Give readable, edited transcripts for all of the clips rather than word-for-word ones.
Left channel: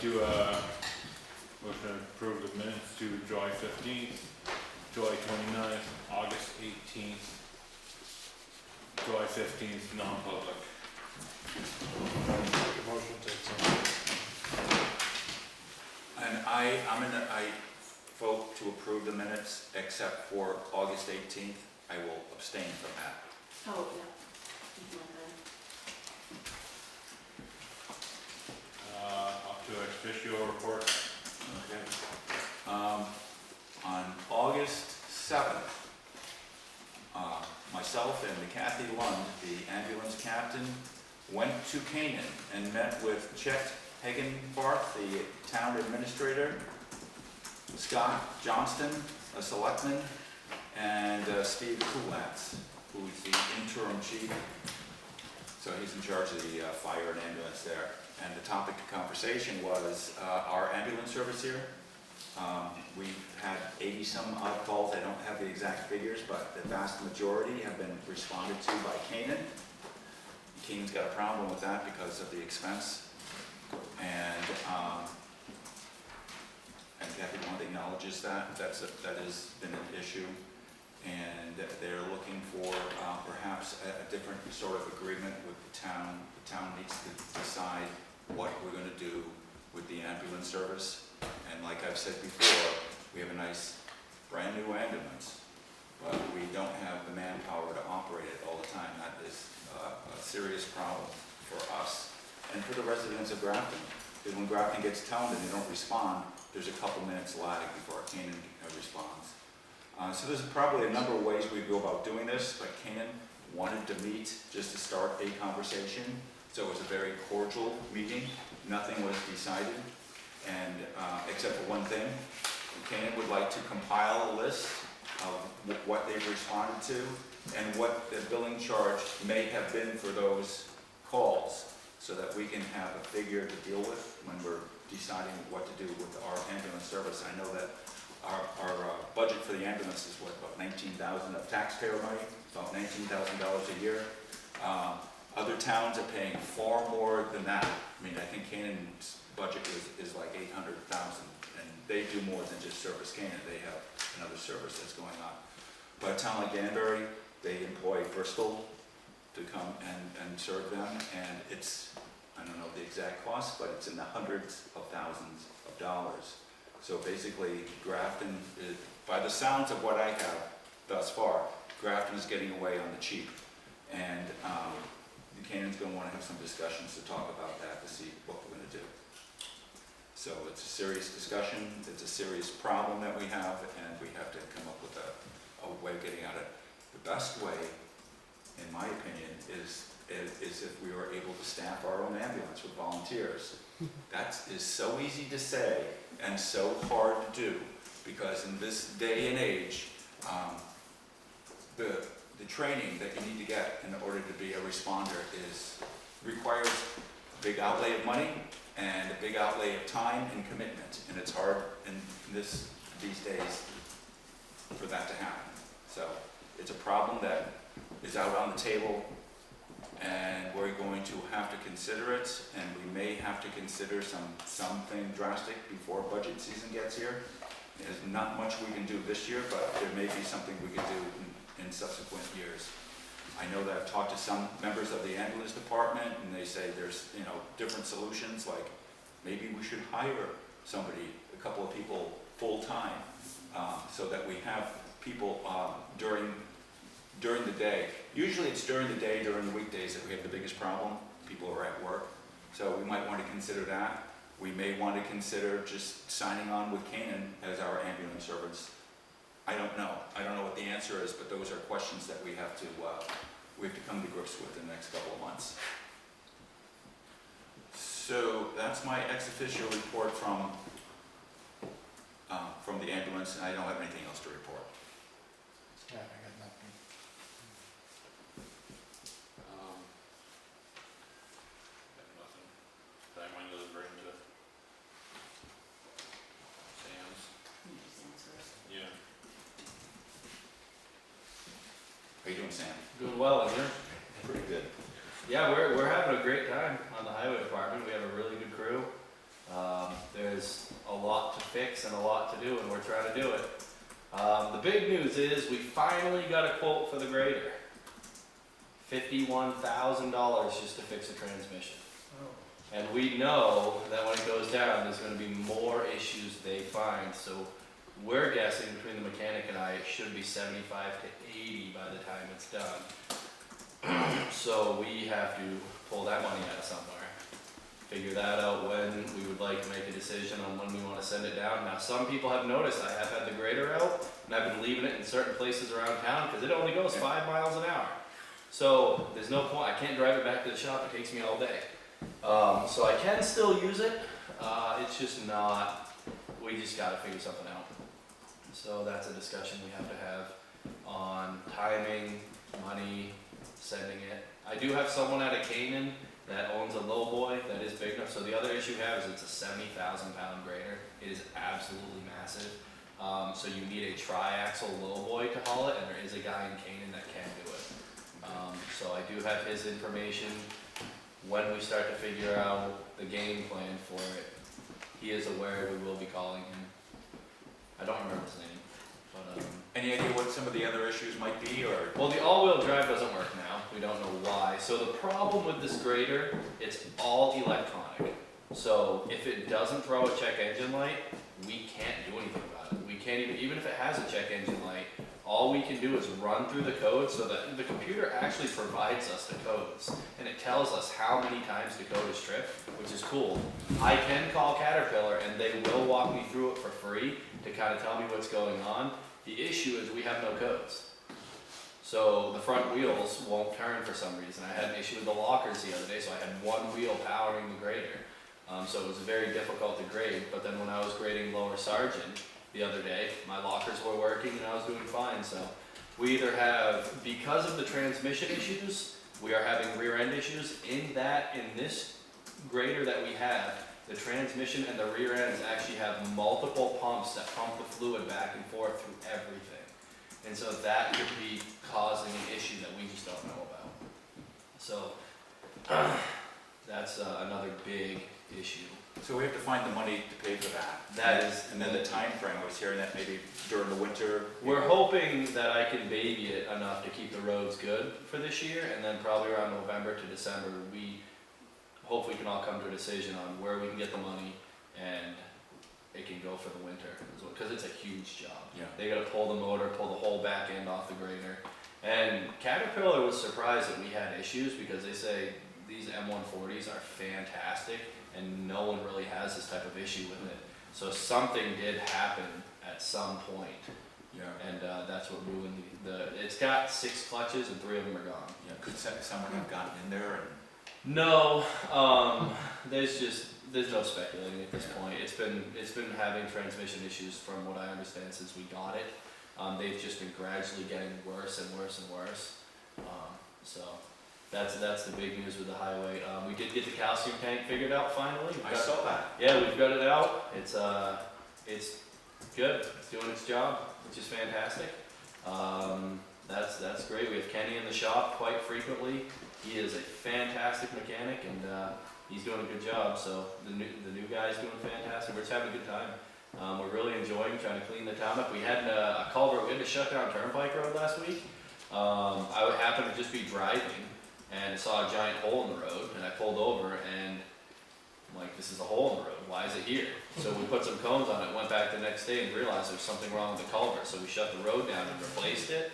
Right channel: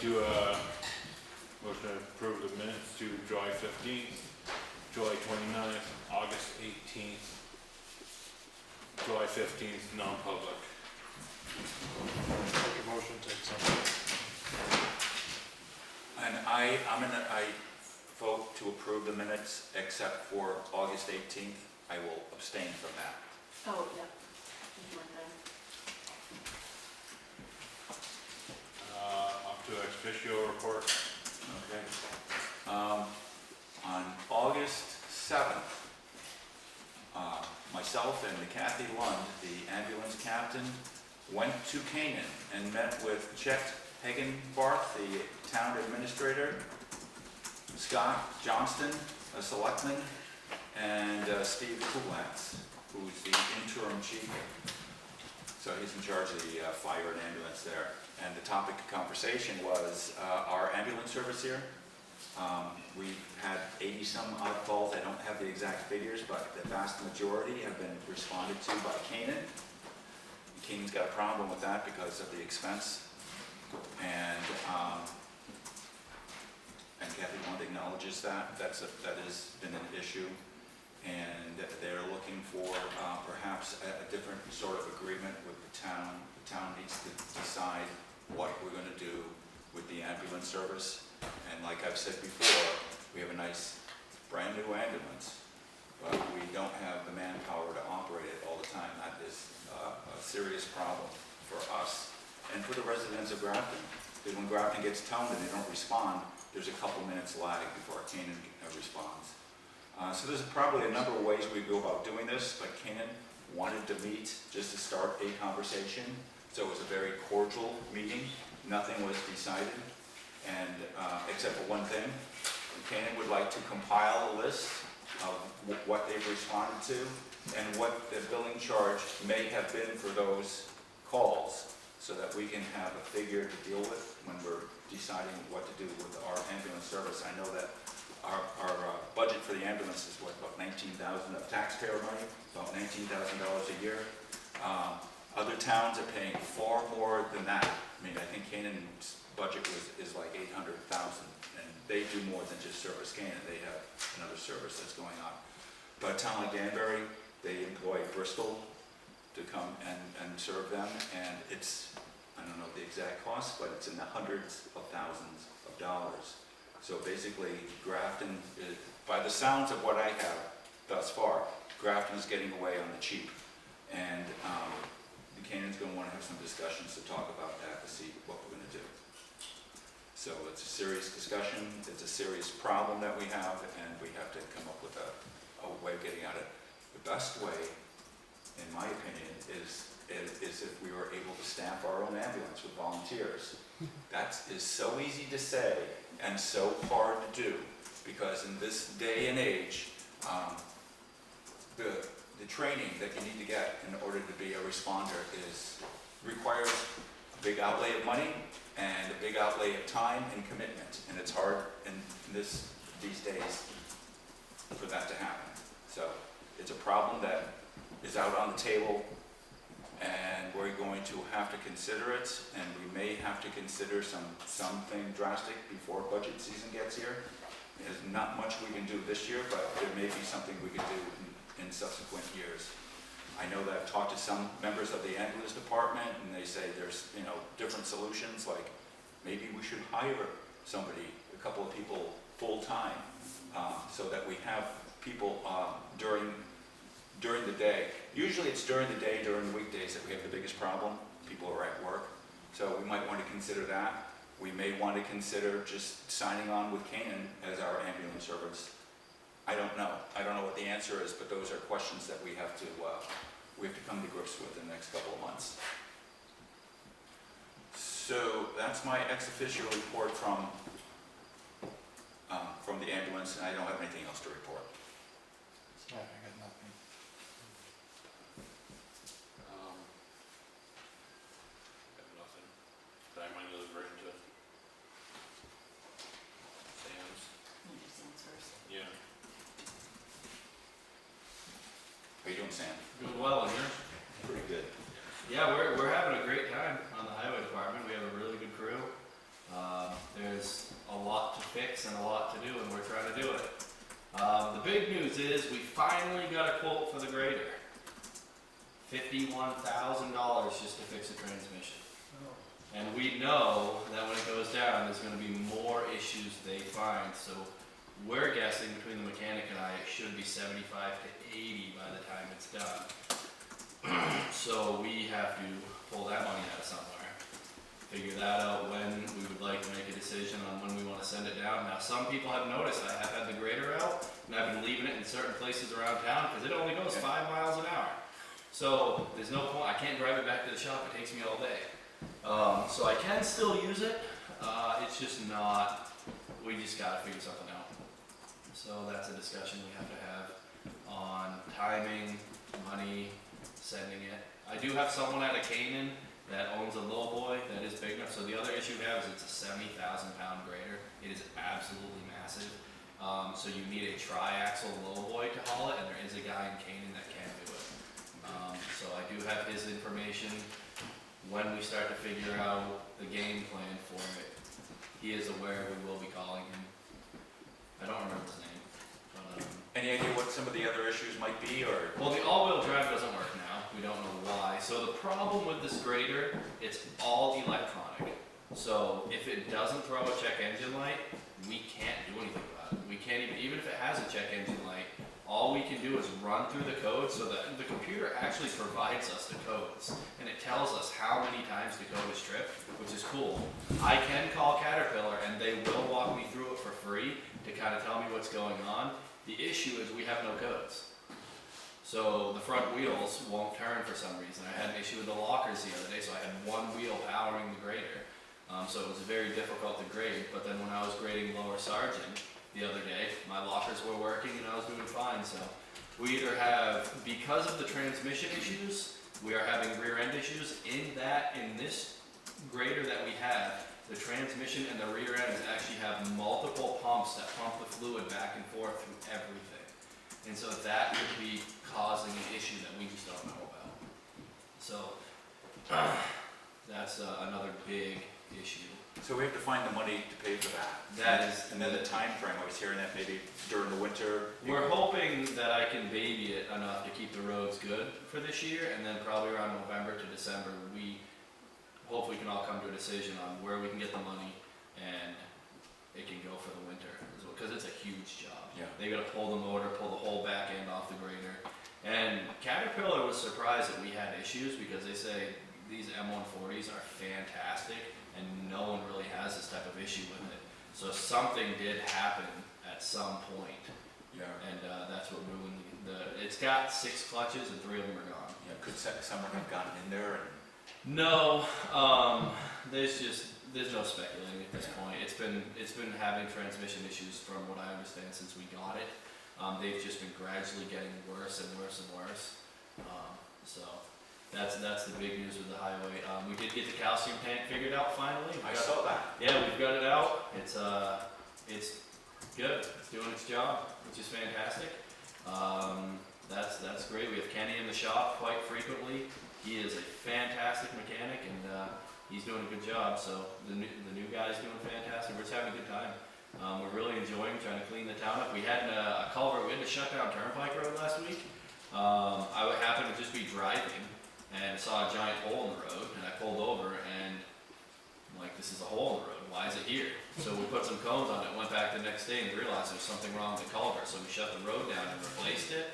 to, motion to approve the minutes to July 15th, July 29th, August 18th, July 15th, non-public. Make a motion to accept. And I vote to approve the minutes except for August 18th. I will abstain from that. Oh, yeah. Something like that. Up to ex officio report. Okay. On August 7th, myself and Kathy Lund, the ambulance captain, went to Canaan and met with Chet Hagenbarth, the town administrator, Scott Johnston, a selectman, and Steve Kulats, who's the interim chief. So he's in charge of the fire and ambulance there. And the topic of conversation was our ambulance service here. We've had 80-some odd calls. I don't have the exact figures, but the vast majority have been responded to by Canaan. Canaan's got a problem with that because of the expense. And Kathy Lund acknowledges that. That has been an issue. And they're looking for perhaps a different sort of agreement with the town. The town needs to decide what we're going to do with the ambulance service. And like I've said before, we have a nice brand new ambulance, but we don't have the manpower to operate it all the time. That is a serious problem for us and for the residents of Grafton. Because when Grafton gets toned and they don't respond, there's a couple minutes lag before Canaan responds. So there's probably a number of ways we go about doing this, but Canaan wanted to meet just to start a conversation. So it was a very cordial meeting. Nothing was decided, and except for one thing. Canaan would like to compile a list of what they've responded to and what the billing charge may have been for those calls, so that we can have a figure to deal with when we're deciding what to do with our ambulance service. I know that our budget for the ambulance is what, about $19,000 of taxpayer money, about $19,000 a year. Other towns are paying far more than that. I mean, I think Canaan's budget is like $800,000, and they do more than just service Canaan. They have another service that's going on. But a town like Danbury, they employ Bristol to come and serve them, and it's, I don't know the exact cost, but it's in the hundreds of thousands of dollars. So basically, Grafton, by the sounds of what I have thus far, Grafton is getting away on the cheap. And Canaan's going to want to have some discussions to talk about that, to see what we're going to do. So it's a serious discussion, it's a serious problem that we have, and we have to come up with a way of getting at it. The best way, in my opinion, is if we were able to staff our own ambulance with volunteers. That is so easy to say and so hard to do, because in this day and age, the training that you need to get in order to be a responder requires a big outlay of money and a big outlay of time and commitment, and it's hard in these days for that to happen. So it's a problem that is out on the table, and we're going to have to consider it, and we may have to consider something drastic before budget season gets here. There's not much we can do this year, but there may be something we could do in subsequent years. I know that I've talked to some members of the ambulance department, and they say there's different solutions, like maybe we should hire somebody, a couple of people full-time, so that we have people during the day. Usually it's during the day, during the weekdays, that we have the biggest problem. People are at work. So we might want to consider that. We may want to consider just signing on with Canaan as our ambulance service. I don't know. I don't know what the answer is, but those are questions that we have to come to grips with in the next couple of months. So that's my ex officio report from the ambulance, and I don't have anything else to report. Yeah, I got nothing. Got nothing. Did I mind those right into Sam's? Sam's first. Yeah. How you doing, Sam? Doing well, and yours? Pretty good. Yeah, we're having a great time on the highway department. We have a really good crew. do, and we're trying to do it. The big news is we finally got a quote for the grader. $51,000 just to fix a transmission. And we know that when it goes down, there's gonna be more issues they find, so we're guessing between the mechanic and I, it should be 75 to 80 by the time it's done. So we have to pull that money out of somewhere, figure that out when we would like to make a decision on when we wanna send it down. Now, some people have noticed I have had the grader out, and I've been leaving it in certain places around town, cause it only goes 5 miles an hour. So, there's no point, I can't drive it back to the shop, it takes me all day. So I can still use it, it's just not, we just gotta figure something out. So that's a discussion we have to have on timing, money, sending it. I do have someone out of Canaan that owns a lowboy that is big enough, so the other issue we have is it's a 70,000 pound grader. It is absolutely massive. So you need a tri-axle lowboy to haul it, and there is a guy in Canaan that can do it. So I do have his information. When we start to figure out the game plan for it, he is aware we will be calling him. I don't remember his name, but Any idea what some of the other issues might be, or? well, the all-wheel drive doesn't work now. We don't know why. So the problem with this grader, it's all electronic. So if it doesn't throw a check engine light, we can't do anything about it. We can't even if it has a check engine light, all we can do is run through the code so that the computer actually provides us the codes. And it tells us how many times the code is tripped, which is cool. I can call Caterpillar and they will walk me through it for free to kind of tell me what's going on. The issue is we have no codes. So the front wheels won't turn for some reason. I had an issue with the lockers the other day, so I had one wheel powering the grader. So it was very difficult to grade, but then when I was grading Lower Sergeant the other day, my lockers were working and I was doing fine. So we either have, because of the transmission issues, we are having rear end issues. In this grader that we have, the transmission and the rear ends actually have multiple pumps that pump the fluid back and forth through everything. And so that could be causing an issue that we just don't know about. So that's another big issue. So we have to find the money to pay for that. That is, And then the time frame. I was hearing that maybe during the winter. we're hoping that I can baby it enough to keep the roads good for this year, and then probably around November to December, we hopefully can all come to a decision on where we can get the money and it can go for the winter as well, because it's a huge job. Yeah. They gotta pull the motor, pull the whole back end off the grader. And Caterpillar was surprised that we had issues because they say these M140s are fantastic and no one really has this type of issue with it. So something did happen at some point, Yeah. and that's what ruined it's got 6 clutches and 3 of them are gone. Yeah. Could someone have gotten in there and? No, there's no speculating at this point. It's been having transmission issues from what I understand since we got it. They've just been gradually getting worse and worse and worse. So that's the big news with the highway. We did get the calcium tank figured out finally. I saw that. Yeah, we've got it out. It's good. It's doing its job, which is fantastic. That's great. We have Kenny in the shop quite frequently. He is a fantastic mechanic, and he's doing a good job. So the new guy's doing fantastic. We're just having a good time. We're really enjoying trying to clean the town up. We had a culvert. We had to shut down Turnpike Road last week. I would happen to just be driving and saw a giant hole in the road, and I pulled over and I'm like, this is a hole in the road. Why is it here? So we put some cones on it. Went back the next day and realized there was something wrong with the culvert. So we shut the road down and replaced it.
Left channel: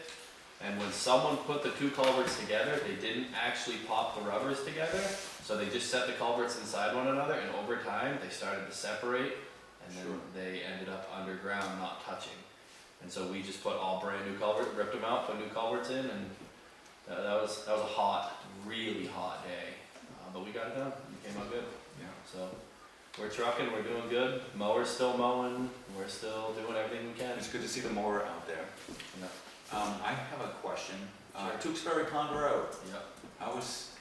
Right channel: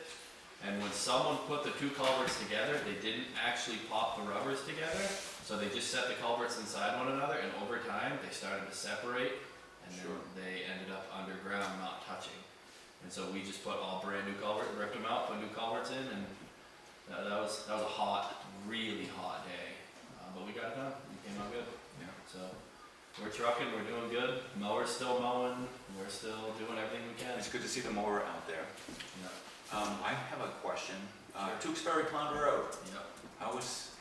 And when someone put the 2 culverts together, they didn't actually pop the rubbers together. So they just set the culverts inside one another, and over time they started to separate, and then they ended up underground, not touching. And so we just put all brand new culverts, ripped them out, put new culverts in, and that was a hot, really hot day. But we got it done. It came out good. Yeah. So we're trucking, we're doing good. Mower's still mowing. We're still doing everything we can. It's good to see the mower out there. Yeah. I have a question. Sure. Tewksbury Pond Road. Yep. How's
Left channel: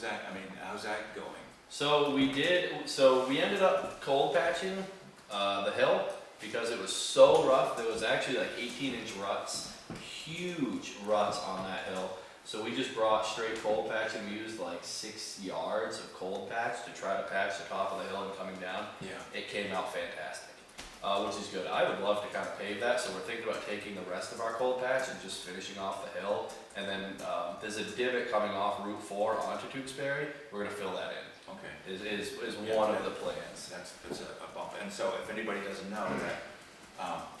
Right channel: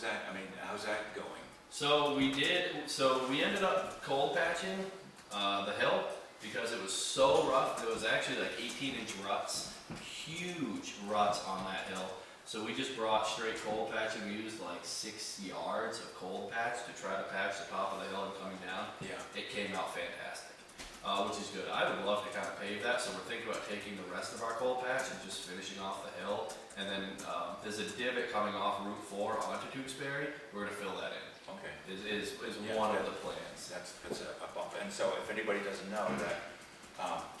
that? I mean, how's that going? So we ended up cold patching the hill because it was so rough. There was actually like 18-inch ruts, huge ruts on that hill. So we just brought straight cold patching. We used like 6 yards of cold patch to try to patch the top of the hill and coming down. Yeah. It came out fantastic. which is good. I would love to kind of pave that, so we're thinking about taking the rest of our cold patch and just finishing off the hill. And then, there's a divot coming off Route 4 onto Tewksbury, we're gonna fill that in, Okay. is Yeah, one of that- the plans. That's a bump. And so if anybody doesn't know that,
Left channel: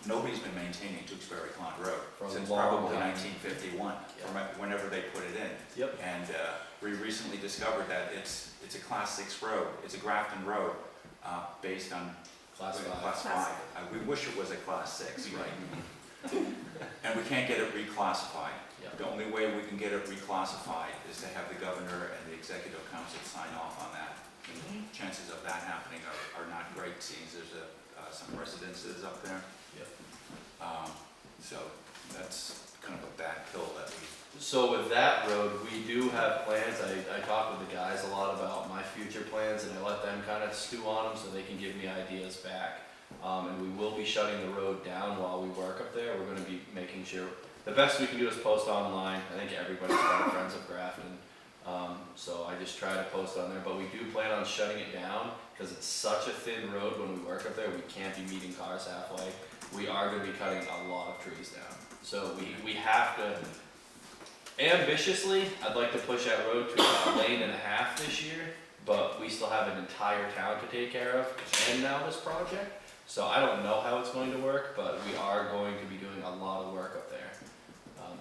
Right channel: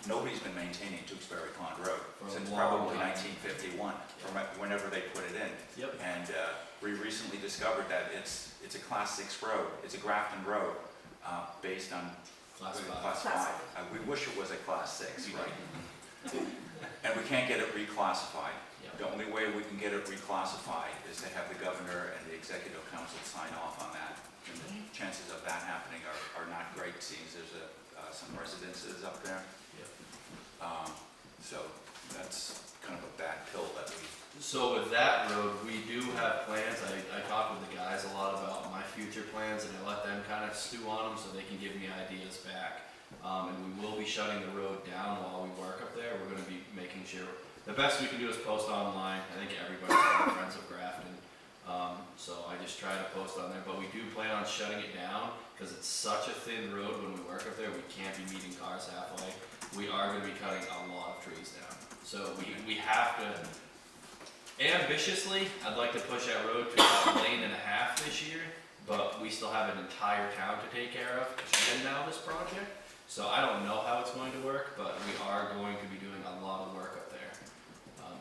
nobody's been maintaining Tewksbury Pond Road For a since long probably time. 1951, Yeah. from whenever they put it in. Yep. And we recently discovered that it's a Class 6 road. It's a Grafton road, based on Class 5. Class Class 5. We wish it was a Class 6, right? And we can't get it reclassified. Yeah. The only way we can get it reclassified is to have the governor and the executive council sign off on that. And the chances of that happening are not great, seeing there's some residences up there. Yep. So that's kind of a bad pill that we, So with that road, we do have plans. I talk with the guys a lot about my future plans, and I let them kind of stew on them so they can give me ideas back. And we will be shutting the road down while we work up there. We're gonna be making sure, the best we can do is post online. I think everybody's got friends of Grafton. So I just try to post on there, but we do plan on shutting it down because it's such a thin road when we work up there, we can't be meeting cars halfway. We are gonna be cutting a lot of trees down. So we have to, ambitiously, I'd like to push that road to a lane and a half this year, but we still have an entire town to take care of and now this project. So I don't know how it's going to work, but we are going to be doing a lot of work up there.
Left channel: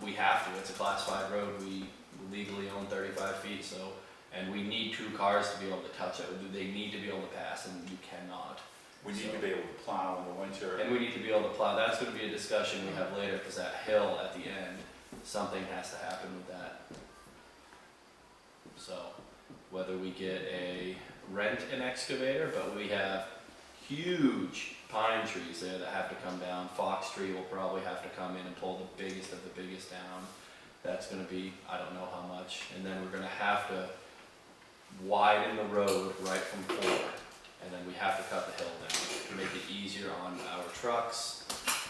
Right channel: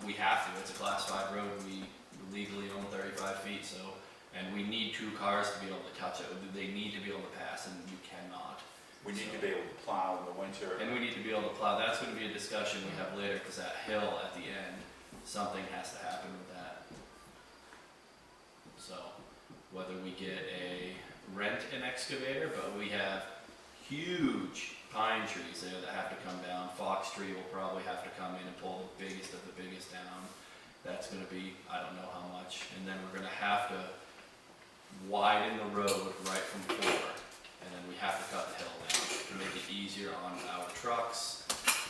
We have to, it's a Class 5 road, we legally own 35 feet, so, and we need 2 cars to be able to touch it. They need to be able to pass, and you cannot. we need to be able to plow in the winter. And we need to be able to plow. That's gonna be a discussion we have later, because that hill at the end, something has to happen with that. So, whether we rent an excavator, but we have huge pine trees there that have to come down. Fox tree will probably have to come in and pull the biggest of the biggest down. That's gonna be, I don't know how much, and then we're gonna have to widen the road right from 4, and then we have to cut the hill down to make it easier on our trucks,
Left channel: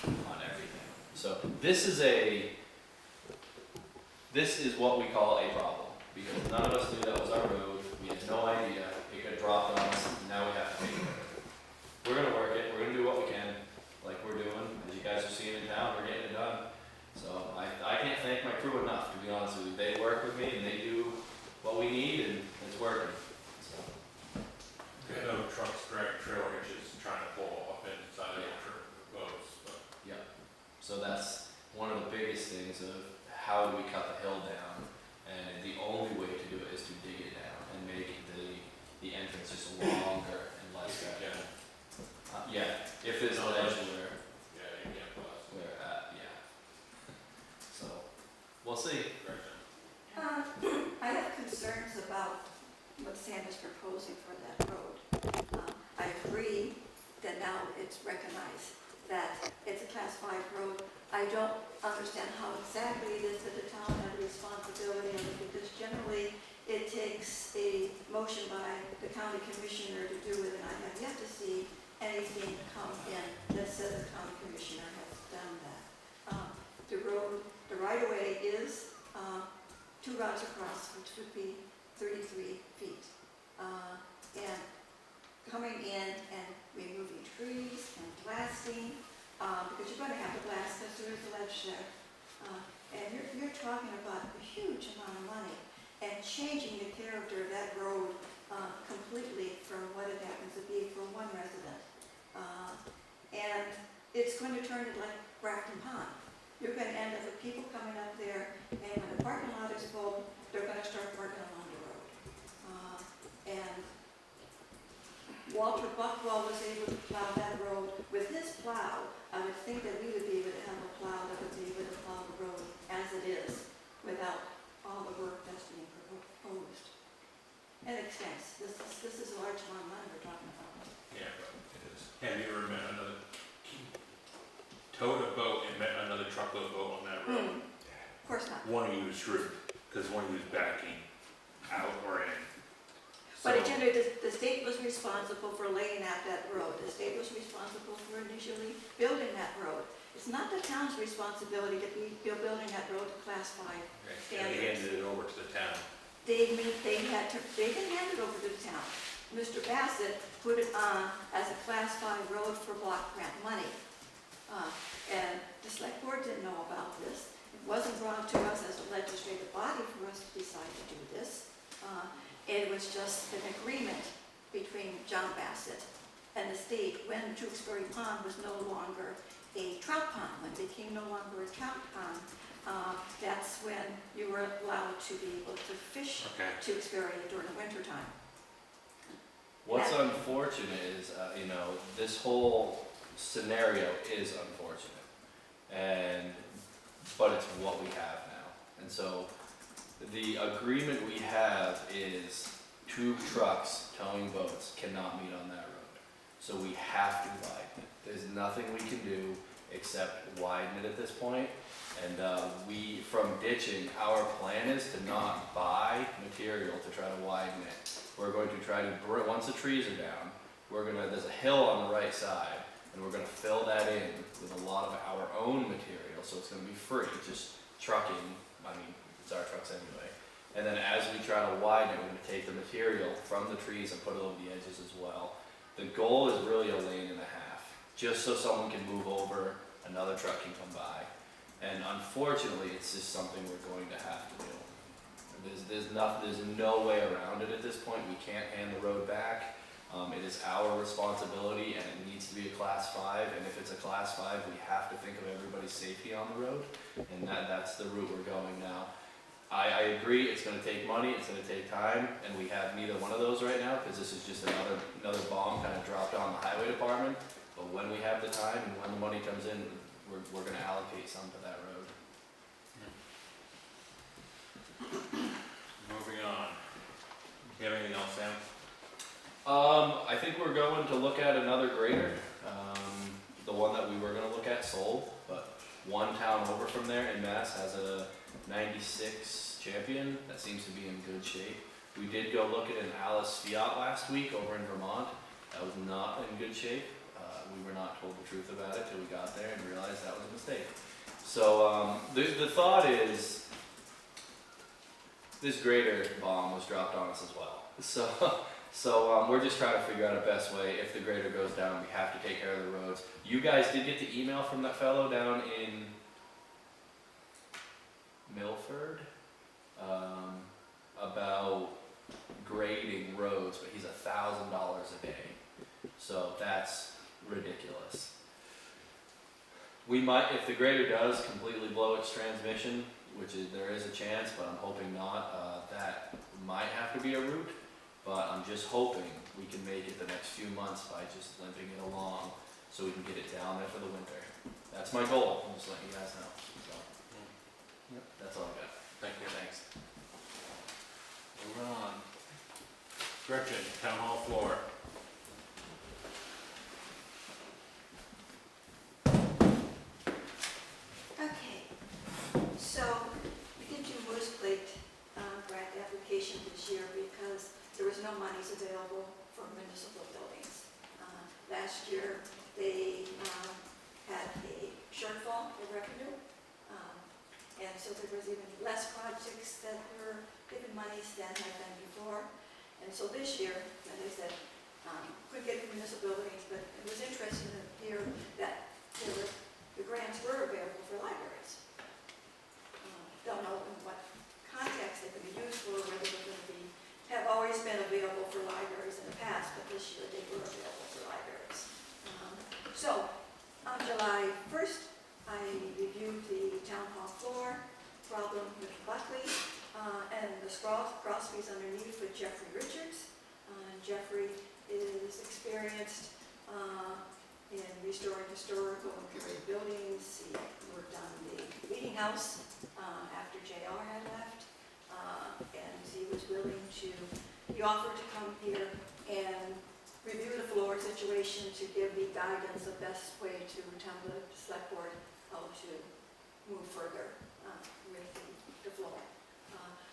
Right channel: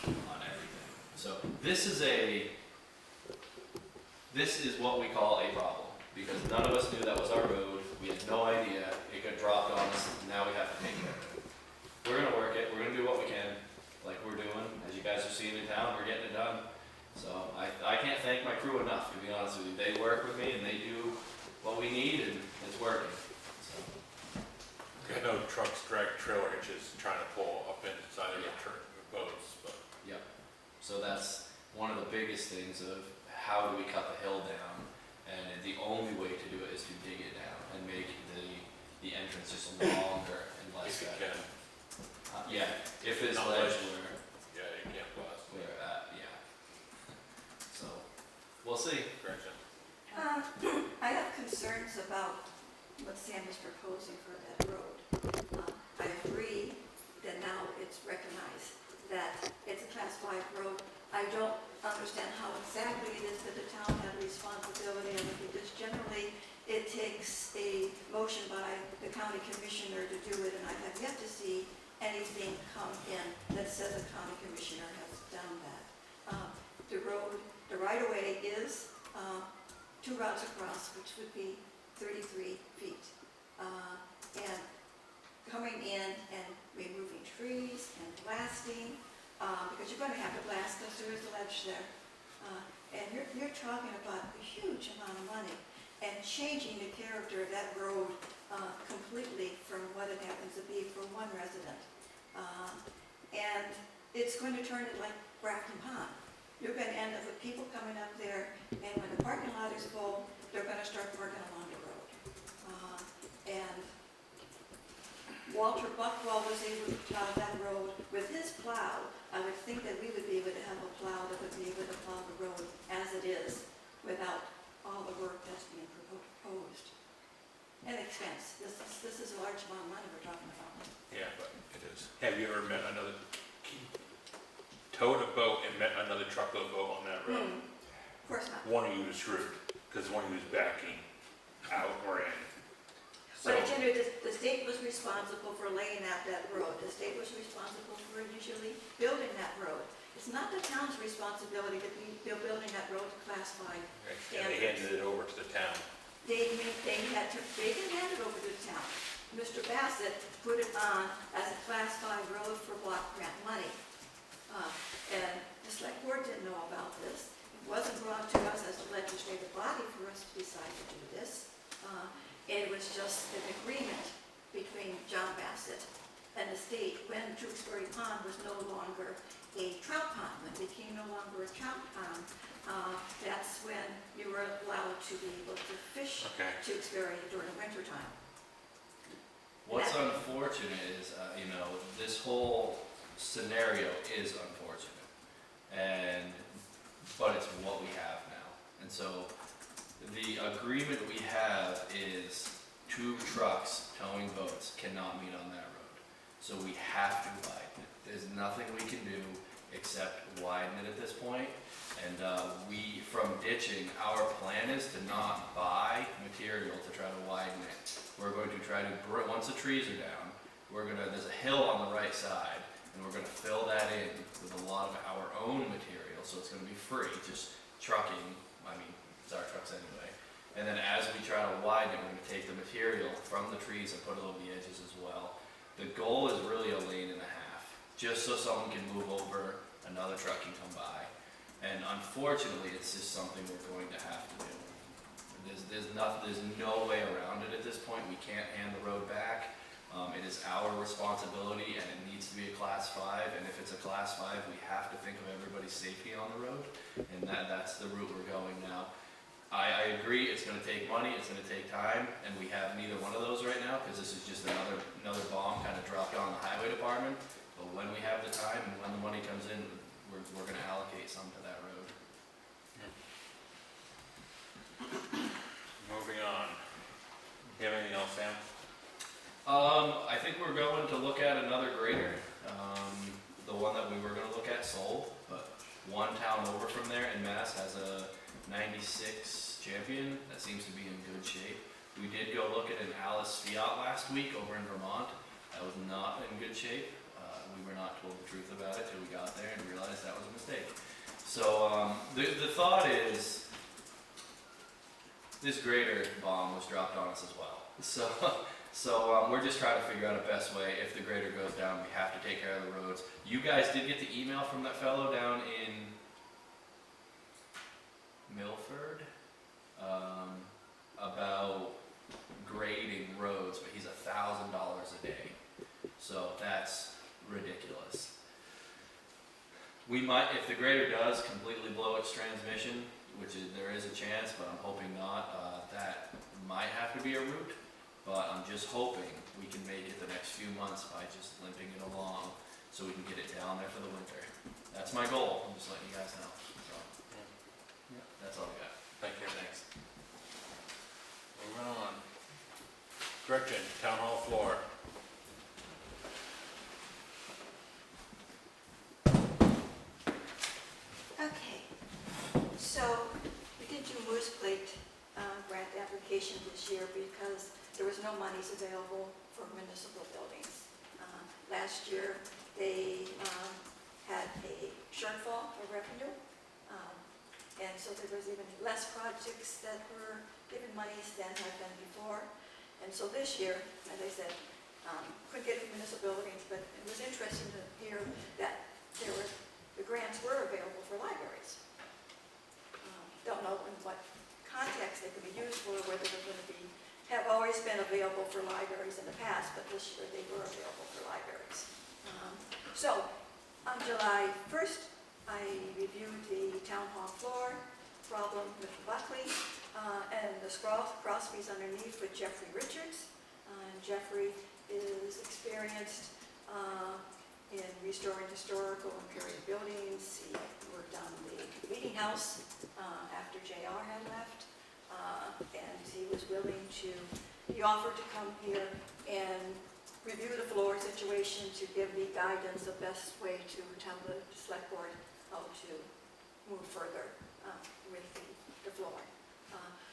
on everything. So this is what we call a problem, because none of us knew that was our road, we had no idea, it got dropped on us, and now we have to take care of it. We're gonna work it, we're gonna do what we can, like we're doing, as you guys are seeing in town, we're getting it done. So I can't thank my crew enough, to be honest with you. They work with me and they do what we need and it's working, so. I know trucks drag trailer hitches trying to pull up inside of the boats, but. Yep. So that's one of the biggest things of how do we cut the hill down? And the only way to do it is to dig it down and make the entrance just longer and less. If you can, Yeah, if it's Not ledge much. where yeah, you can't blast. we're at, yeah. So, we'll see. Gretchen. I have concerns about what Sam is proposing for that road. I agree that now it's recognized that it's a Class 5 road. I don't understand how exactly it is that the town had a responsibility of it, because generally it takes a motion by the county commissioner to do it, and I have yet to see anything come in that says the county commissioner has done that. The road, the right-of-way is 2 rods across, which would be 33 feet. And coming in and removing trees and blasting, because you're gonna have to blast because there is a ledge there. And you're talking about a huge amount of money and changing the character of that road completely from what it happens to be for one resident. And it's going to turn it like Grafton Pond. You're going to end up with people coming up there, and when the parking lot is full, they're going to start parking along the road. And Walter Buckwell was able to plow that road. With his plow, I would think that we would be able to have a plow that would be able to plow the road as it is, without all the work that's being proposed. And expense, this is a large amount of money we're talking about. Yeah, but It is. have you ever met another, towed a boat and met another truckload boat on that road? Of course not. One of you was screwed, because one of you was backing out or in. So, But again, the state was responsible for laying out that road. The state was responsible for initially building that road. It's not the town's responsibility to be building that road to Class 5. and they handed it over to the town. They didn't hand it over to the town. Mr. Bassett put it on as a Class 5 road for block grant money. And the select board didn't know about this. It wasn't brought to us as a legislative body for us to decide to do this. It was just an agreement between John Bassett and the state when Tewksbury Pond was no longer a trout pond. When it became no longer a trout pond, that's when you were allowed to be able to fish Okay. Tewksbury during the winter time. What's unfortunate is, you know, this whole scenario is unfortunate, but it's what we have now. And so the agreement we have is 2 trucks towing boats cannot meet on that road. So we have to widen it. There's nothing we can do except widen it at this point. And from ditching, our plan is to not buy material to try to widen it. We're going to try to, once the trees are down, there's a hill on the right side, and we're gonna fill that in with a lot of our own material, so it's gonna be free, just trucking, I mean, it's our trucks anyway. And then as we try to widen it, we're gonna take the material from the trees and put it over the edges as well. The goal is really a lane and a half, just so someone can move over, another truck can come by. And unfortunately, it's just something we're going to have to do. There's no way around it at this point. We can't hand the road back. It is our responsibility, and it needs to be a Class 5. And if it's a Class 5, we have to think of everybody's safety on the road, and that's the route we're going now. I agree, it's going to take money, it's going to take time, and we have neither one of those right now, because this is just another bomb kind of dropped on the highway department. But when we have the time and when the money comes in, we're going to allocate some to that road. Moving on. You have anything else, Sam? I think we're going to look at another grader. The one that we were going to look at sold, but one town over from there in Mass has a 96 Champion that seems to be in good shape. We did go look at an Alice Fiat last week over in Vermont. That was not in good shape. We were not told the truth about it till we got there and realized that was a mistake. So the thought is, this grader bomb was dropped on us as well. So we're just trying to figure out a best way. If the grader goes down, we have to take care of the roads. You guys did get the email from that fellow down in Milford about grading roads, but he's $1,000 a day. So that's ridiculous. We might, if the grader does completely blow its transmission, there is a chance, but I'm hoping not, that might have to be a route. But I'm just hoping we can make it the next few months by just limping it along so we can get it down there for the winter. That's my goal, I'm just letting you guys know. So, yeah, that's all I got. Thank you. Thanks. Moving on. Gretchen, Town Hall floor. Okay, so we did do Moose Plate grant application this year because there was no monies available for municipal buildings. Last year, they had a shortfall of revenue, and so there was even less projects that were given monies than had been before. And so this year, as I said, couldn't get municipal buildings, but it was interesting to hear that the grants were available for libraries. Don't know in what context they could be used for, whether they're going to have always been available for libraries in the past, but this year they were available for libraries. So on July 1st, I reviewed the town hall floor problem with Buckley and the Crosby's underneath with Jeffrey Richards. Jeffrey is experienced in restoring historical and period buildings. He worked on the meeting house after JR had left, and he was willing to, he offered to come here and review the floor situation to give me guidance, the best way to tell the select board how to move further with the floor.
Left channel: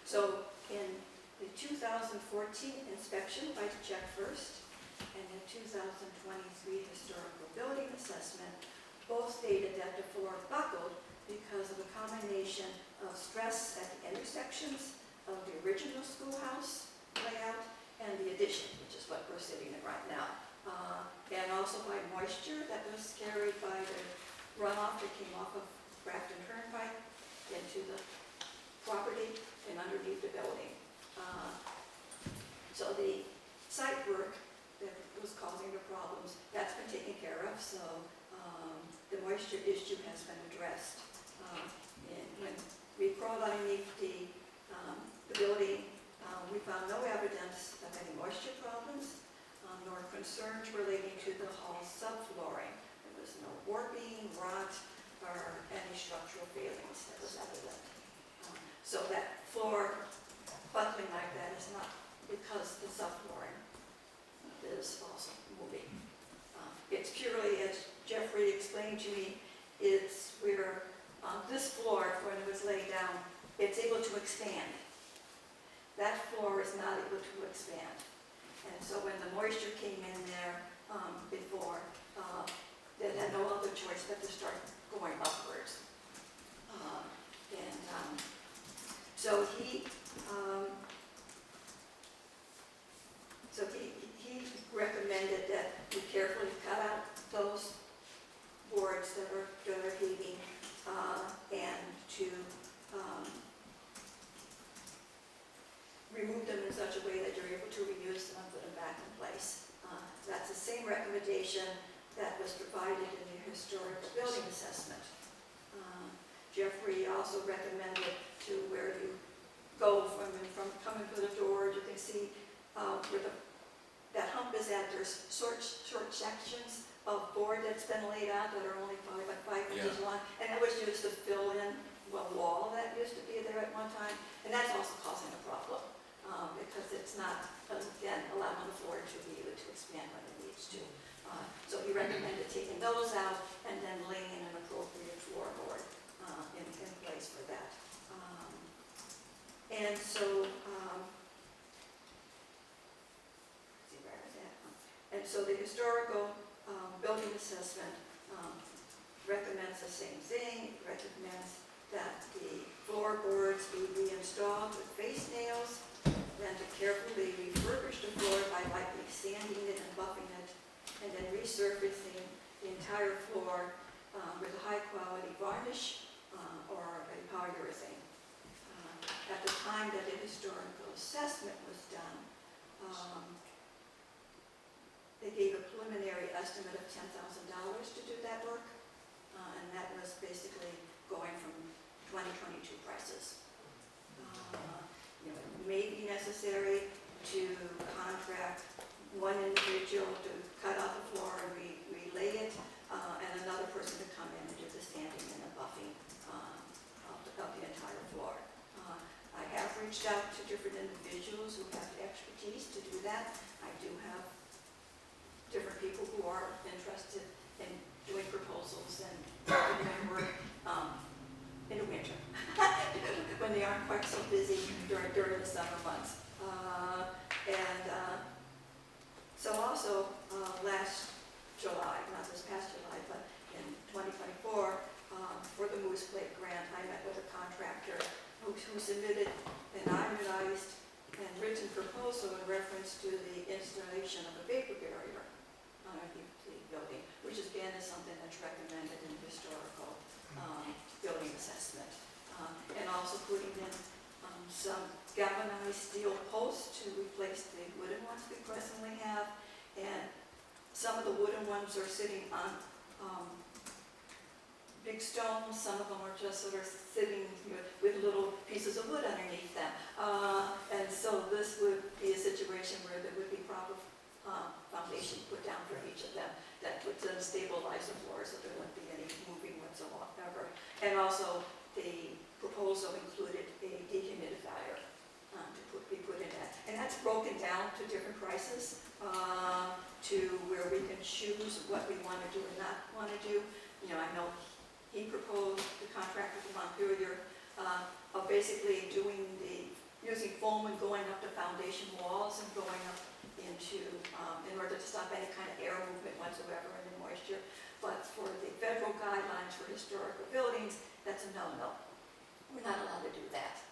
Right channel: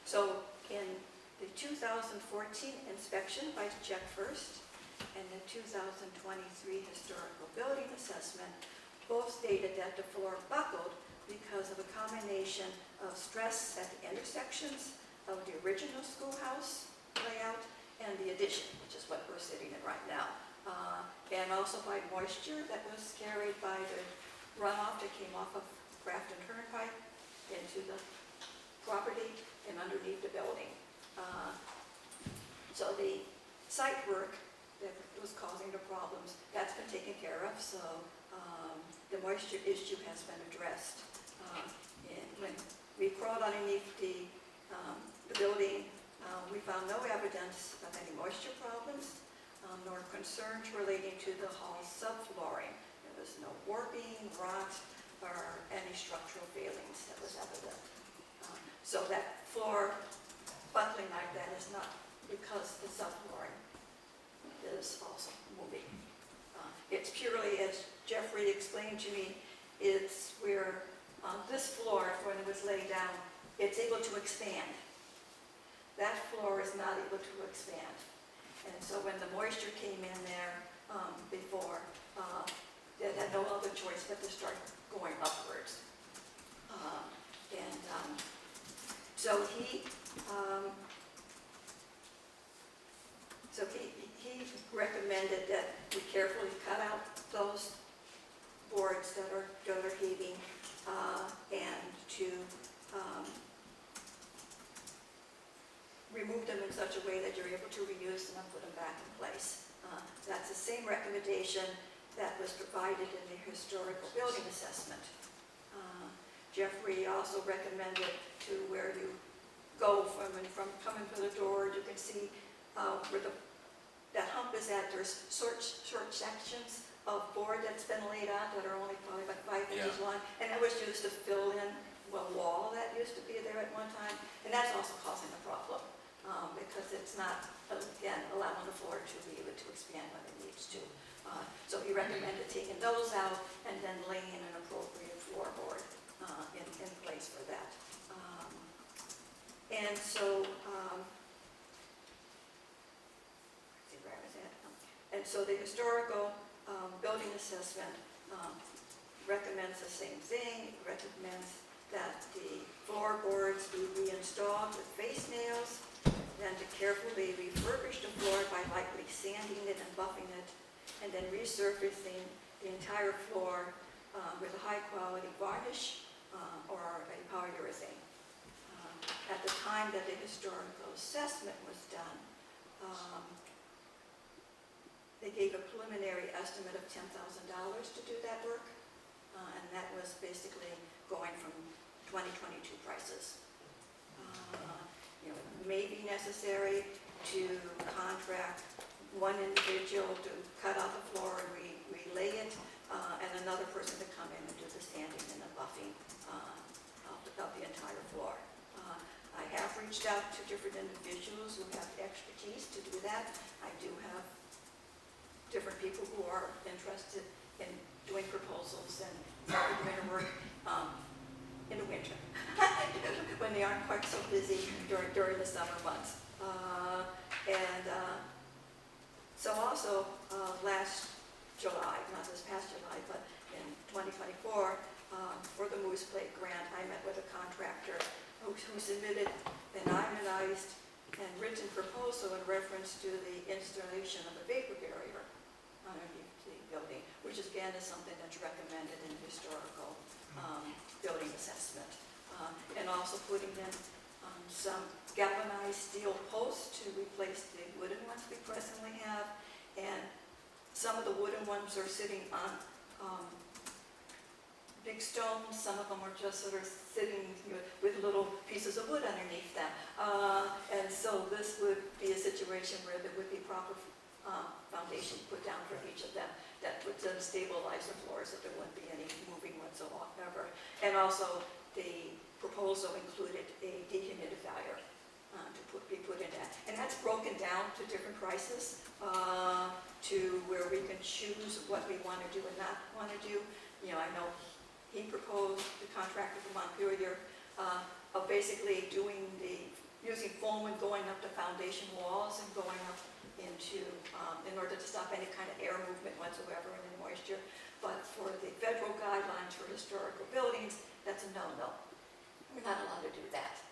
So in the 2014 inspection by Jack First and the 2023 historical building assessment both stated that the floor buckled because of a combination of stress at the intersections of the original schoolhouse layout and the addition, which is what we're sitting in right now. And also by moisture that was carried by the runoff that came off of Grafton Turnpike into the property and underneath the building. So the site work that was causing the problems, that's been taken care of, so the moisture issue has been addressed. And when we crawled underneath the building, we found no evidence of any moisture problems, nor concerns relating to the hall's subflooring. There was no warping, rot, or any structural failings that was evident. So that floor buckling like that is not because the subflooring is also moving. It's purely, as Jeffrey explained to me, it's where this floor, when it was laid down, it's able to expand. That floor is not able to expand. And so when the moisture came in there before, they had no other choice but to start going upwards. So he recommended that we carefully cut out those boards that are heaving and to remove them in such a way that you're able to reuse them and put them back in place. That's the same recommendation that was provided in the historical building assessment. Jeffrey also recommended to where you go from coming through the door, you can see where that hump is at. There's short sections of board that's been laid out that are only probably about 5 inches long, and that was used to fill in a wall that used to be there at one time, and that's also causing a problem because it's not, again, allowing the floor to be able to expand when it needs to. So he recommended taking those out and then laying an appropriate floorboard in place for that. And so, let's see where I was at. And so the historical building assessment recommends the same thing. It recommends that the floorboards be reinstalled with face nails, then to carefully refurbish the floor by lightly sanding it and buffing it, and then resurfacing the entire floor with a high-quality varnish or a polyurethane. At the time that the historical assessment was done, they gave a preliminary estimate of $10,000 to do that work, and that was basically going from 2022 prices. It may be necessary to contract one individual to cut out the floor and relay it, and another person to come in and do the sanding and the buffing of the entire floor. I have reached out to different individuals who have the expertise to do that. I do have different people who are interested in doing proposals and winter work in the winter when they aren't quite so busy during the summer months. So also last July, not this past July, but in 2024, for the Moose Plate grant, I met with a contractor who submitted an itemized and written proposal in reference to the installation of a vapor barrier underneath the building, which again is something that's recommended in historical building assessment. And also putting in some galvanized steel posts to replace the wooden ones we presently have. And some of the wooden ones are sitting on big stones. Some of them are just sort of sitting with little pieces of wood underneath them. And so this would be a situation where there would be proper foundation put down for each of them that would then stabilize the floor so there wouldn't be any moving whatsoever. And also the proposal included a dehumidifier to be put in that. And that's broken down to different prices to where we can choose what we want to do and not want to do. I know he proposed, the contractor from Montpelier, of basically using foam and going up the foundation walls and going up into, in order to stop any kind of air movement whatsoever and the moisture. But for the federal guidelines for historical buildings, that's a no-no. We're not allowed to do that.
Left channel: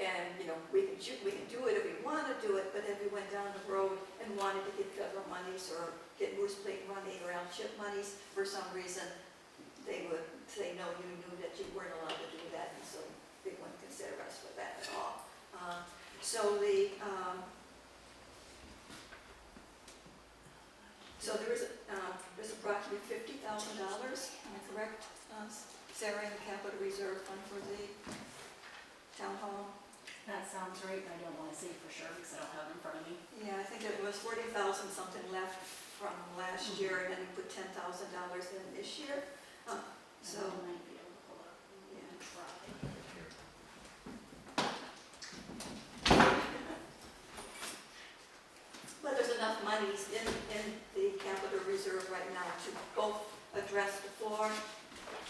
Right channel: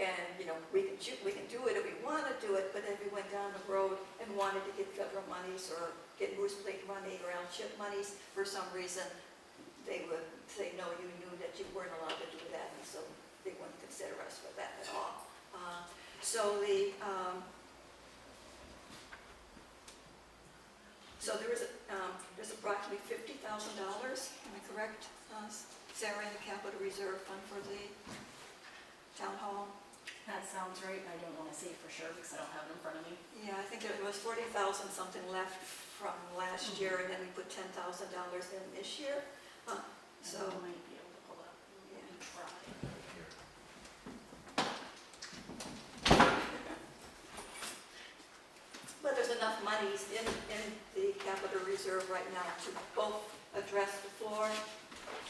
And we can we can do it if we want to do it, but if we went down the road and wanted to get federal monies or get Moose Plate money or L-chip monies, for some reason, they would say, no, you knew that you weren't allowed to do that, and so they wouldn't consider us for that at all. So there's approximately $50,000, am I correct, Sarah, in the capital reserve fund for the town hall? That sounds right, and I don't wanna say for sure because I don't have it in front of me. Yeah, I think it was 40,000 something left from last year, and then we put $10,000 in this year. So, I might be able to pull up and try. but there's enough monies in the capital reserve right now to both address the floor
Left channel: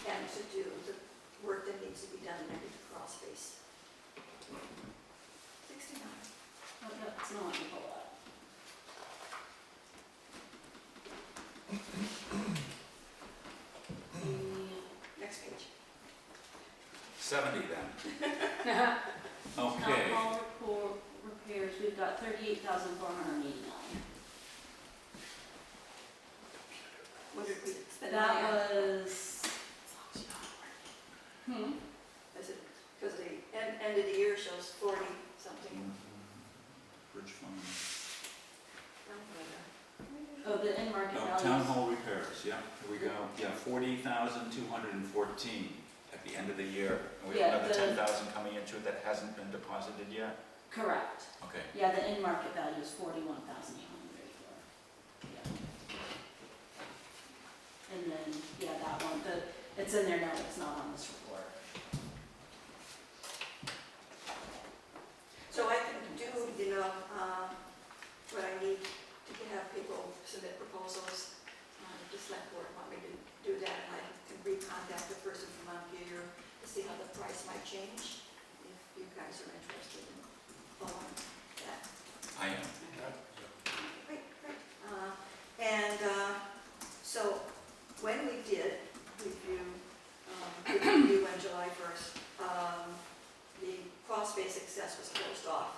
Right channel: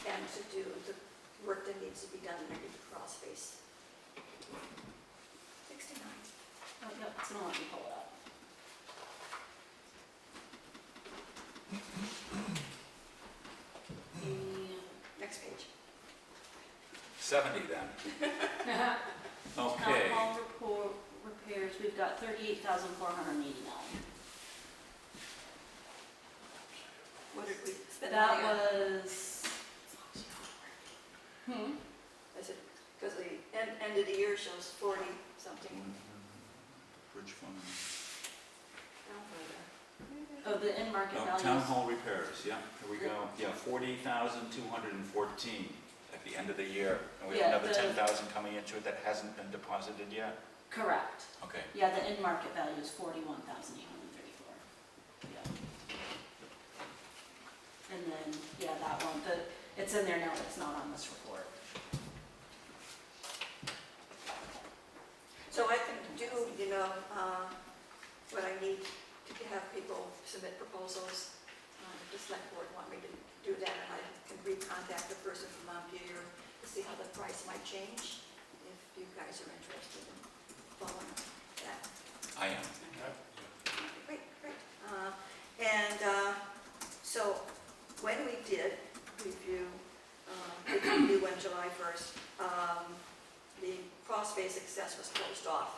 and to do the work that needs to be done underneath the crawl space. 69. Oh, yeah, it's not letting me pull it up. Next page. 70 then. Town Okay. hall repairs, we've got 38,489. What did we spend That money on? was. Is it, because the end of the year shows 40 something. Bridge fund. Oh, the end market Oh, value. town hall repairs, yeah, here we go. Yeah, 40,214 at the end of the year. And we Yeah, have another the- 10,000 coming into it that hasn't been deposited yet? Correct. Okay. Yeah, the end market value is 41,834. Yeah. And then, yeah, that one, it's in there now, but it's not on this report. So I can do, what I need to have people submit proposals. The select board want me to do that, and I can recontact the person from Montpelier to see how the price might change, if you guys are interested in following that. I am. Great. So when we did review on July 1st, the crawl space access was closed off.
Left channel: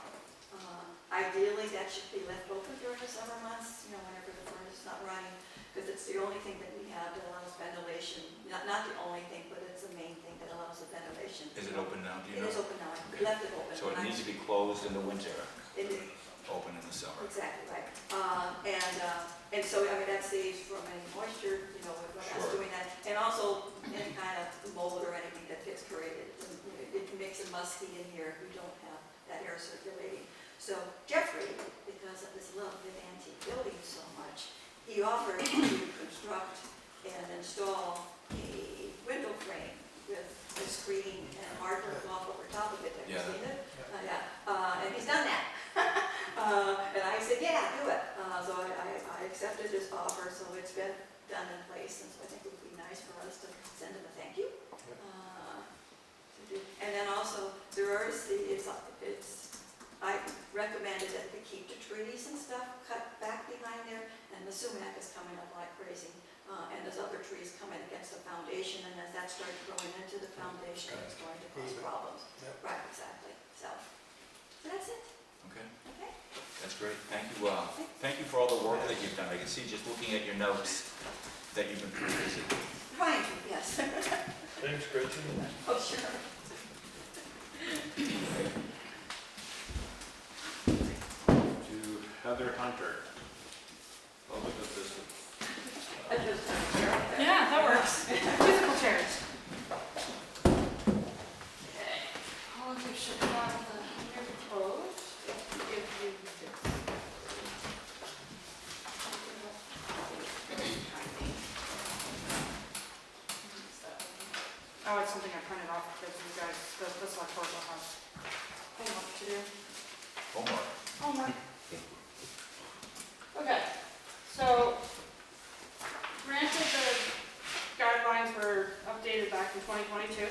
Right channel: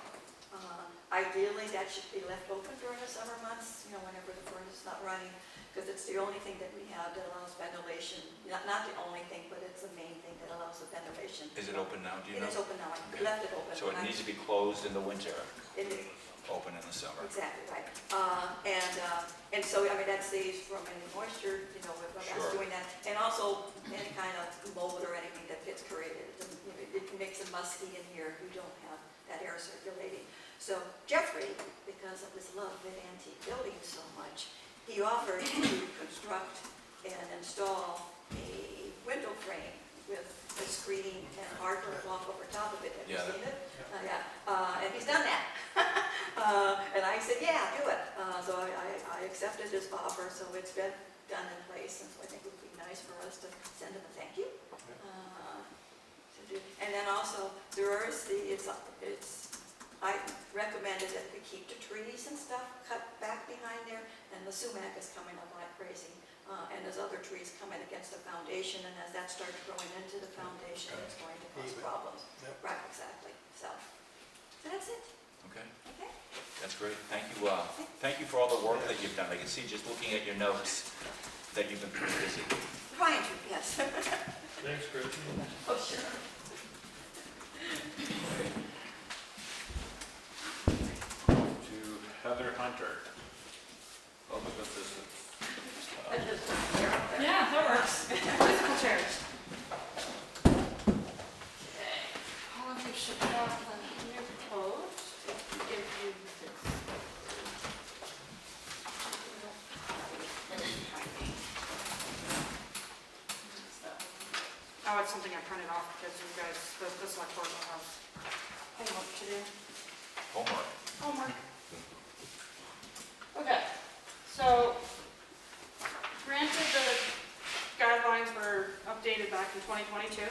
Ideally, that should be left open during the summer months, whenever the furnace is not running, because it's the only thing that we have that allows ventilation. Not the only thing, but it's the main thing that allows the ventilation. Is it open now, do you It know? is open now. Okay. We left it open. So it needs to be closed in the winter, In the- open in the summer. Exactly, right. And so, that saves from any moisture, with us Sure. doing that. And also, any kind of mold or anything that gets created. It can make it musky in here if you don't have that air circulating. So Jeffrey, because of his love of antique buildings so much, he offered to construct and install a window frame with a screen and hardwood off over top of it. Have you Yeah, seen it? Yeah, and he's done that. And I said, yeah, do it. So I accepted his offer, so it's been done in place, and so I think it would be nice for us to send him a thank you. And then also, I recommended that we keep the trees and stuff cut back behind there, and the sumac is coming up like crazy. And there's other trees coming against the foundation, and as that starts growing into the foundation, it's going to cause problems. Yep. Right, exactly. So that's it, Okay, okay? that's great. Thank you for all the work that you've done. I can see just looking at your notes that you've been pretty busy. Trying to, yes. Thanks, Gretchen. Oh, sure. To Heather Hunter, public assistance. Yeah, that works. Musical chairs. Okay. All of you should have your code. Give you this. Oh, it's something I printed off because you guys, the select board will have homework to do. Homework. Homework. Okay, so granted the guidelines were updated back in 2022.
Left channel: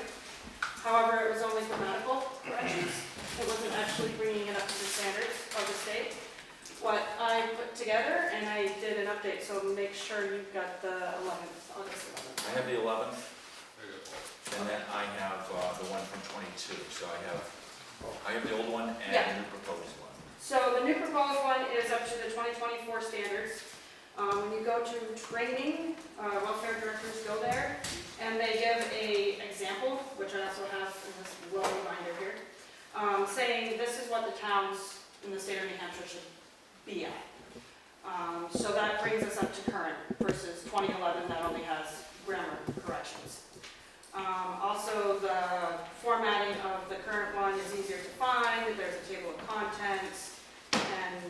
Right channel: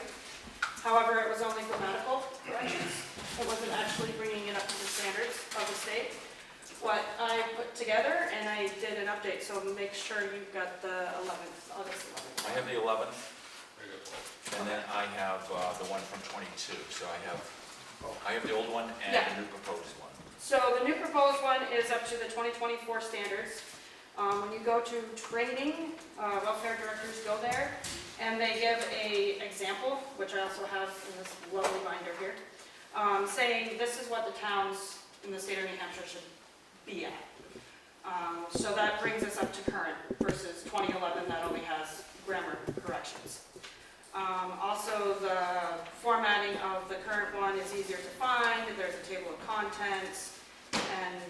However, it was only grammatical corrections. It wasn't actually bringing it up to the standards of the state. What I put together, and I did an update, so make sure you've got the 11th, August 11th. I have the 11th, There you go. and then I have the one from 22, so I have I have the old one and Yeah. the new proposed one. So the new proposed one is up to the 2024 standards. When you go to training, welfare directors go there, and they give a example, which I also have in this lovely binder here, saying this is what the towns in the state of New Hampshire should be at. So that brings us up to current versus 2011 that only has grammar corrections. Also, the formatting of the current one is easier to find. There's a table of contents and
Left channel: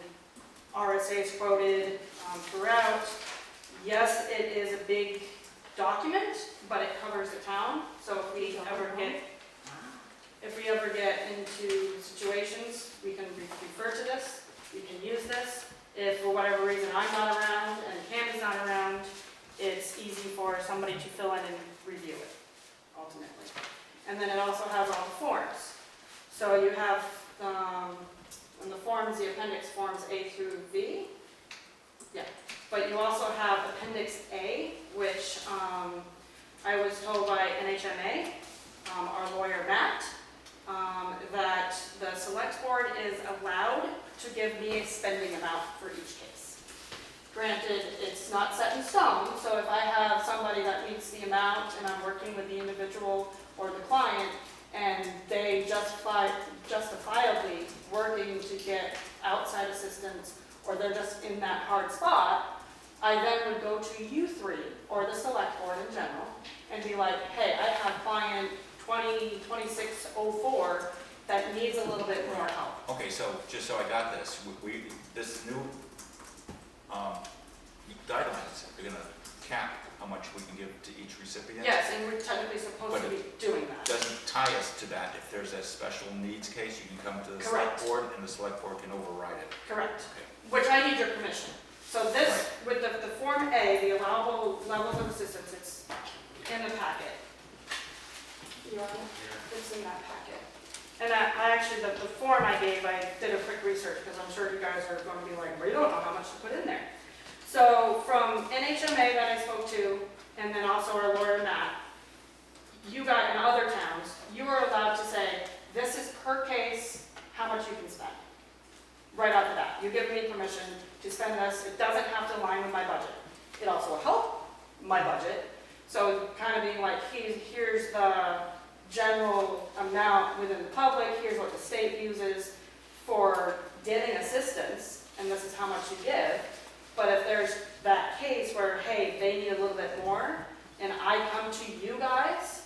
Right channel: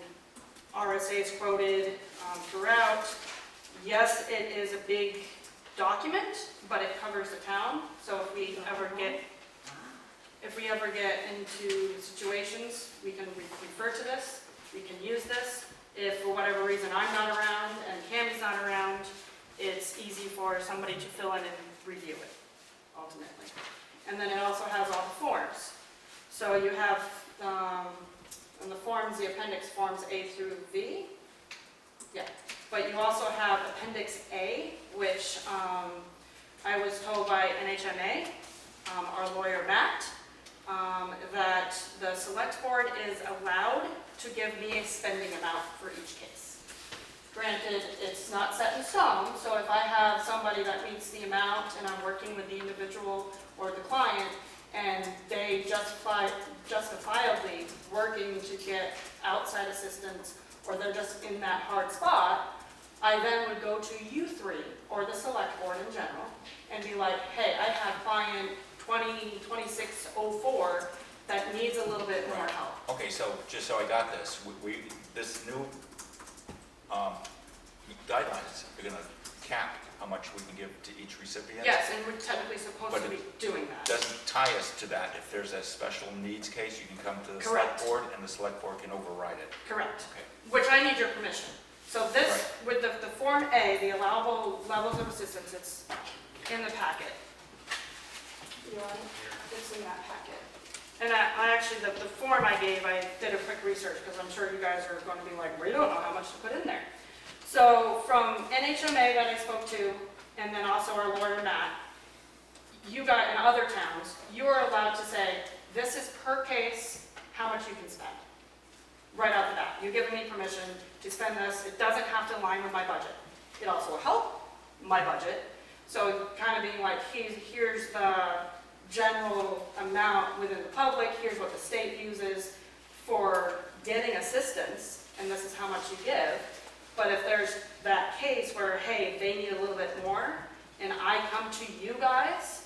RSA's quoted throughout. Yes, it is a big document, but it covers the town. So if we ever get into situations, we can refer to this. We can use this. If for whatever reason I'm not around and Cammy's not around, it's easy for somebody to fill in and review it, ultimately. And then it also has all the forms. So you have, in the forms, the appendix forms A through V. Yeah, but you also have Appendix A, which I was told by NHMA, our lawyer Matt, that the select board is allowed to give me a spending amount for each case. Granted, it's not set in stone, so if I have somebody that meets the amount and I'm working with the individual or the client and they justifiably working to get outside assistance or they're just in that hard spot, I then would go to you three or the select board in general and be like, hey, I have client 202604 that needs a little bit more help. Okay, so just so I got this, this new guidelines are gonna cap how much we can give to each recipient? Yes, and we're technically supposed to be doing that. Doesn't tie us to that. If there's a special needs case, you can come to the select Correct. board and the select board can override it. Correct. Okay. Which I need your permission. So this, with the Form A, the allowable levels of assistance, it's in the packet. You want it? It's in that packet. And I actually, the form I gave, I did a quick research because I'm sure you guys are going to be like, we don't know how much to put in there. So from NHMA that I spoke to, and then also our lawyer Matt, you guys in other towns, you are allowed to say, this is per case, how much you can spend. Right off the bat. You give me permission to spend this. It doesn't have to align with my budget. It also will help my budget. So kind of being like, here's the general amount within the public, here's what the state uses for getting assistance, and this is how much you give. But if there's that case where, hey, they need a little bit more, and I come to you guys,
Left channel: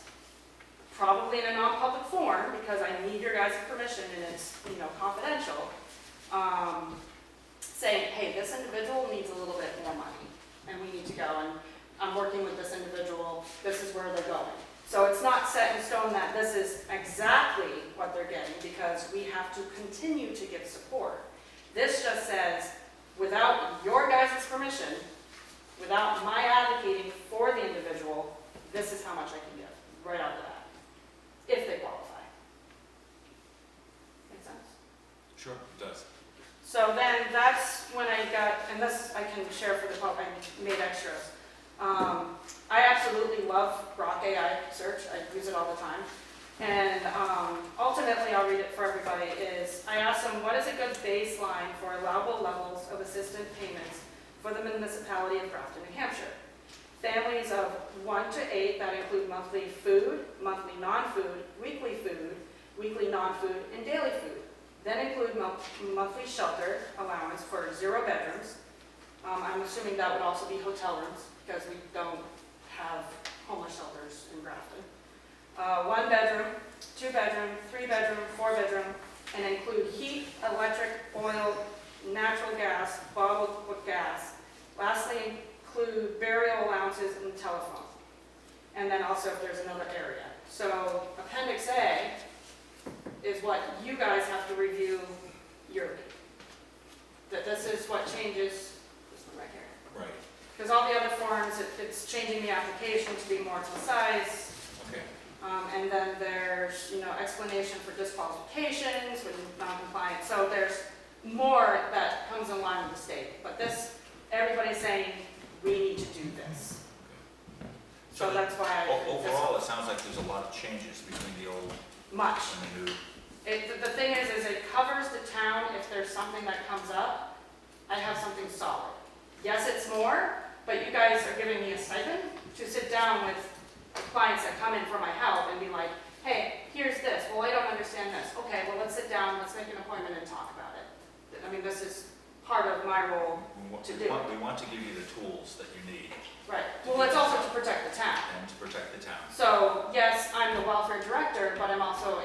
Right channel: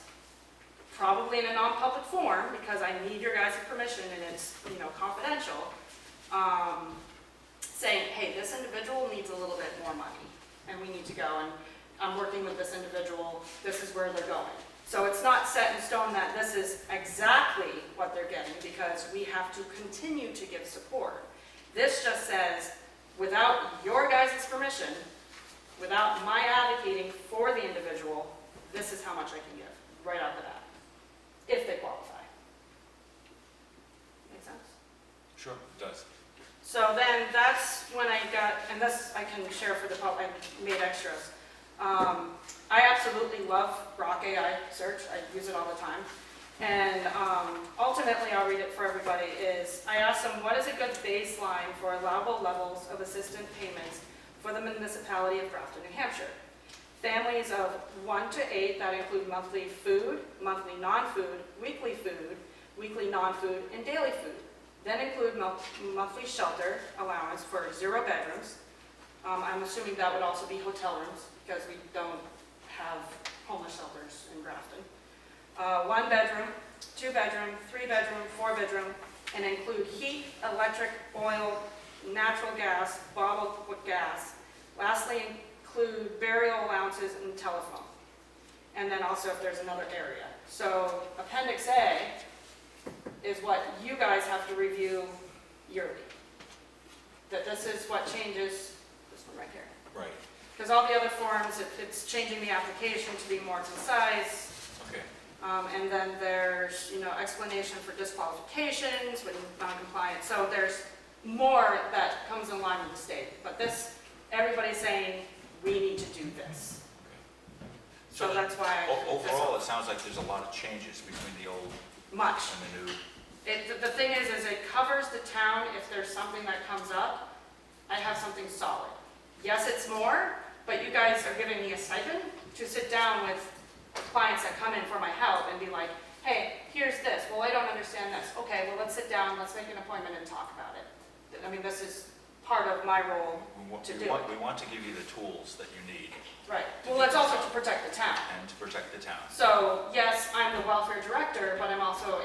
probably in a non-public form, because I need your guys' permission and it's, confidential, saying, hey, this individual needs a little bit more money, and we need to go, and I'm working with this individual, this is where they're going. So it's not set in stone that this is exactly what they're getting, because we have to continue to give support. This just says, without your guys' permission, without my advocating for the individual, this is how much I can give, right off the bat, if they qualify. Make sense? Sure, it does. So then that's when I got, and this I can share for the public, I made extras. I absolutely love Grok AI search, I use it all the time. And ultimately, I'll read it for everybody, is I asked them, what is a good baseline for allowable levels of assistance payments for the municipality of Grafton, New Hampshire? Families of 1 to 8 that include monthly food, monthly non-food, weekly non-food, and daily food. Then include monthly shelter allowance for 0 bedrooms. I'm assuming that would also be hotel rooms, because we don't have homeless shelters in Grafton. 1 bedroom, 2 bedroom, 3 bedroom, 4 bedroom, and include heat, electric, oil, natural gas, bottled gas. Lastly, include burial allowances and telephone. And then also if there's another area. So Appendix A is what you guys have to review yearly. That this is what changes, this one right here. Right. Because all the other forms, it's changing the application to be more concise. Okay. And then there's, explanation for disqualifications when non-compliant. So there's more that comes in line with the state. But this, everybody's saying, we need to do this. Okay. So that's why I. Overall, it sounds like there's a lot of changes between the old Much. and the new. The thing is it covers the town if there's something that comes up, I have something solid. Yes, it's more, but you guys are giving me a stipend to sit down with clients that come in for my help and be like, hey, here's this, well, I don't understand this. Okay, well, let's sit down, let's make an appointment and talk about it. I mean, this is part of my role to do. We want to give you the tools that you need. Right, well, it's also to protect the town. And to protect the town. So, yes, I'm the welfare director, but I'm also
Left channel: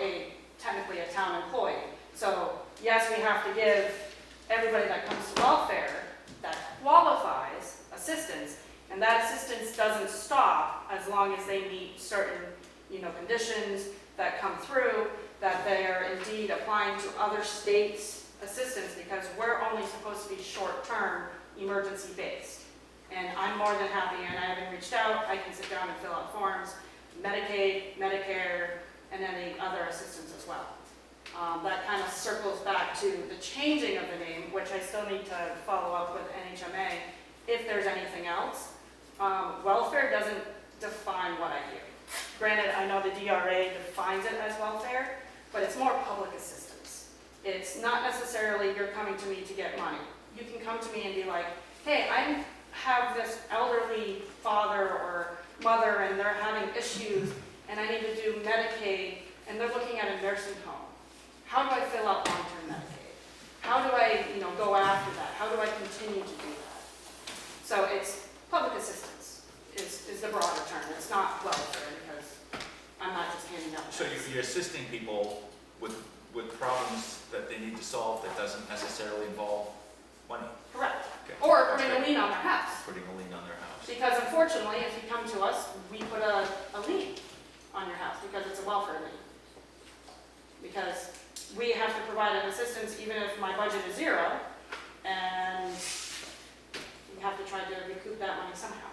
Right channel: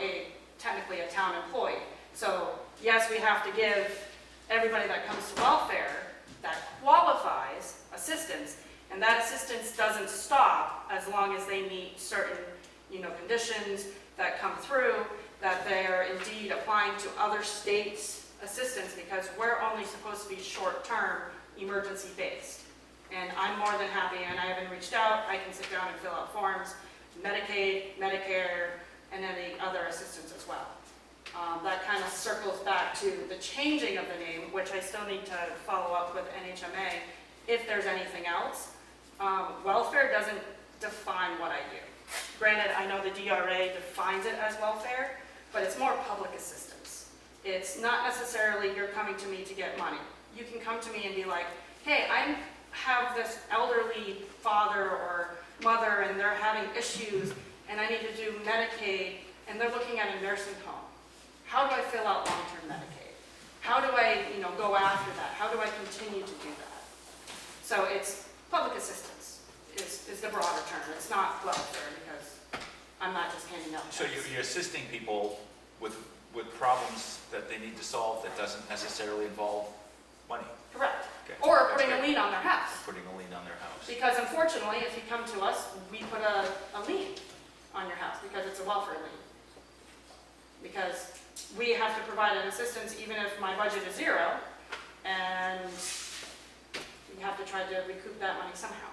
technically a town employee. So, yes, we have to give everybody that comes to welfare that qualifies assistance, and that assistance doesn't stop as long as they meet certain, conditions that come through, that they are indeed applying to other states' assistance, because we're only supposed to be short-term, emergency-based. And I'm more than happy, and I haven't reached out, I can sit down and fill out forms, Medicaid, Medicare, and any other assistance as well. That kind of circles back to the changing of the name, which I still need to follow up with NHMA if there's anything else. Welfare doesn't define what I do. Granted, I know the DRA defines it as welfare, but it's more public assistance. It's not necessarily you're coming to me to get money. You can come to me and be like, hey, I have this elderly father or mother and they're having issues and I need to do Medicaid and they're looking at a nursing home. How do I fill out long-term Medicaid? How do I, go after that? How do I continue to do that? So it's public assistance is the broader term. It's not welfare because I'm not just handing out So checks. you're assisting people with problems that they need to solve that doesn't necessarily involve money. Correct. Okay. Or That's putting a great. lien on their house. Putting a lien on their house. Because unfortunately, if you come to us, we put a lien on your house because it's a welfare lien. Because we have to provide an assistance even if my budget is zero, and we have to try to recoup that money somehow.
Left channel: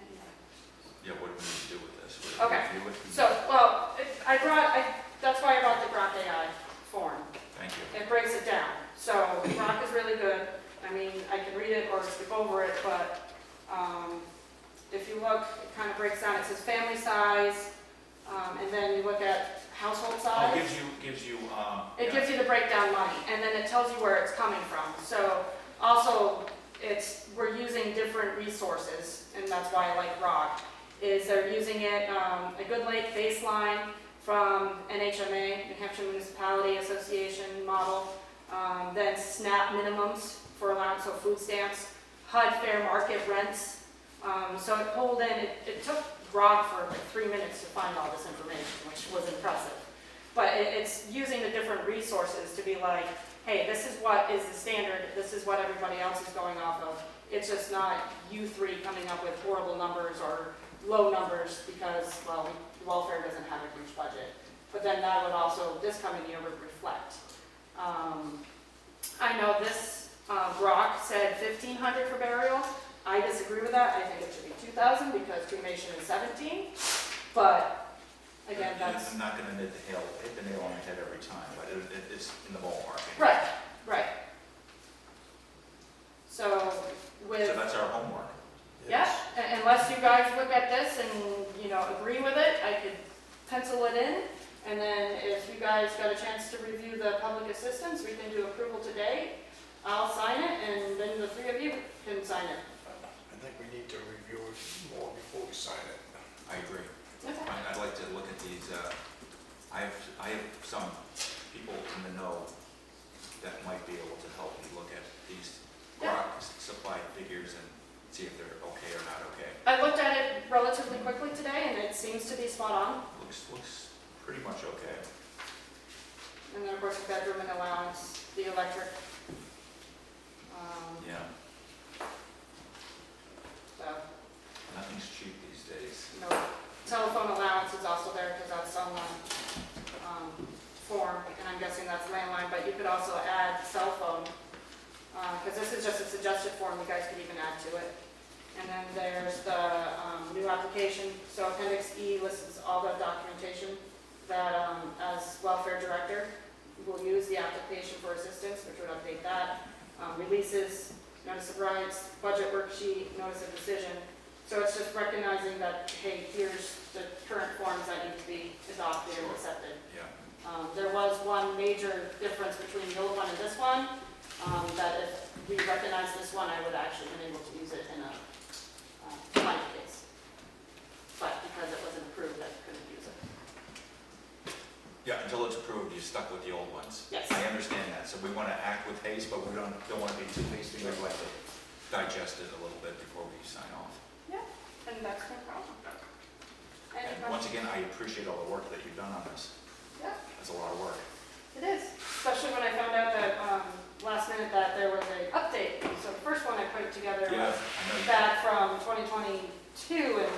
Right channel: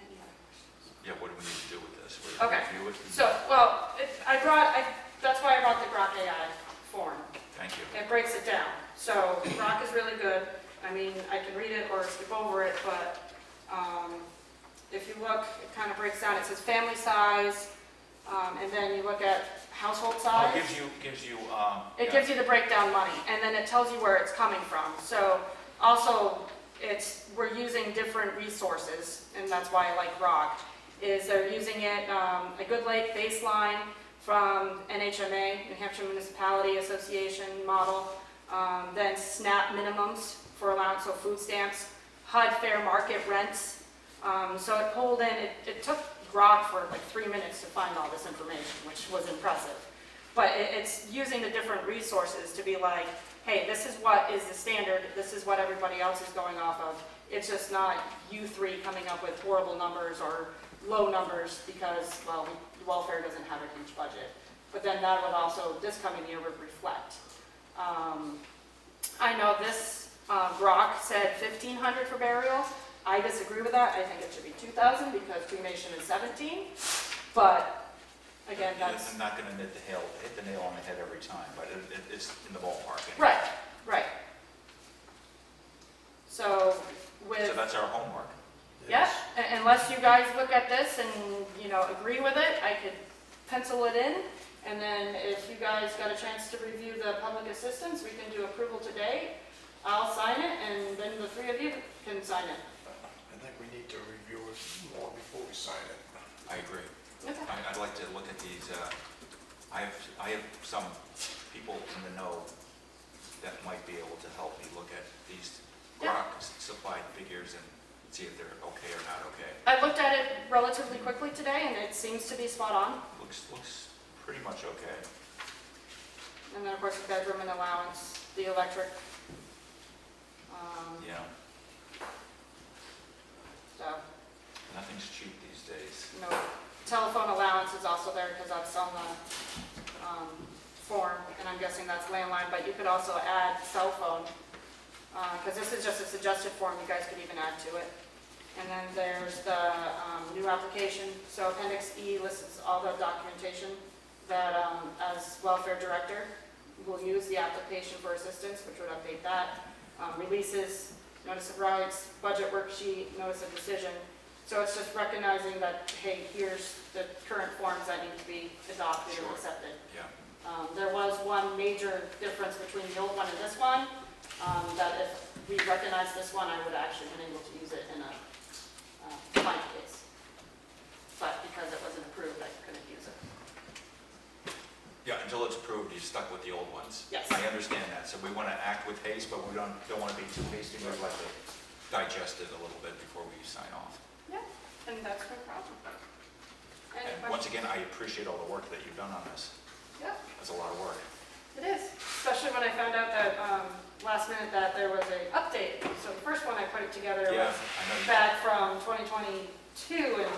Any other questions? Yeah, what do we need to do with this? Okay. Review it? So, well, that's why I brought the Grok AI form. Thank you. It breaks it down. So Grok is really good. I mean, I can read it or skip over it, but if you look, it kind of breaks down. It says family size, and then you look at household size. Oh, it gives you. It gives you the breakdown money, and then it tells you where it's coming from. So also, we're using different resources, and that's why I like Grok. Is they're using it a Good Lake baseline from NHMA, New Hampshire Municipality Association model, then SNAP minimums for allowance, so food stamps, HUD fair market rents. So it pulled in, it took Grok for like 3 minutes to find all this information, which was impressive. But it's using the different resources to be like, hey, this is what is the standard, this is what everybody else is going off of. It's just not you three coming up with horrible numbers or low numbers because, well, welfare doesn't have a huge budget. But then that would also, this coming year would reflect. I know this Grok said $1,500 for burial. I disagree with that. I think it should be $2,000 because cremation is $17. But again, that's I'm not going to hit the nail on the head every time, but it's in the ballpark. right. So So that's our homework. yeah, unless you guys look at this and agree with it, I could pencil it in. And then if you guys got a chance to review the public assistance, we can do approval today. I'll sign it, and then the three of you can sign it. I think we need to review it more before we sign it. I agree. Okay. I'd like to look at these, I have some people in the know that might be able to help me look at these Yeah. Grok supplied figures and see if they're okay or not okay. I looked at it relatively quickly today, and it seems to be spot on. Looks pretty much okay. And then, of course, the bedroom and allowance, the electric. Yeah, So, nothing's cheap these days. telephone allowance is also there because that's on the form, and I'm guessing that's landline, but you could also add cell phone, because this is just a suggested form, you guys could even add to it. And then there's the new application, so Appendix E lists all the documentation that, as welfare director, will use the application for assistance, which would update that. Releases, notice of rights, budget worksheet, notice of decision. So it's just recognizing that, hey, here's the current forms that need to be adopted and Sure. accepted. Yeah, There was one major difference between the old one and this one, that if we recognized this one, I would actually been able to use it in a client case. But because it wasn't approved, I couldn't use it. yeah, until it's approved, you're stuck with the old ones. Yes. I understand that, so we want to act with haste, but we don't want to be too hasty, we'd like to digest it a little bit before we sign off. Yeah, and that's no problem. Any And once questions? again, I appreciate all the work that you've done on this. Yeah, That's a lot of work. it is, especially when I found out that, last minute that there was a update. So the first one I put together Yeah, was I know. back from 2022, and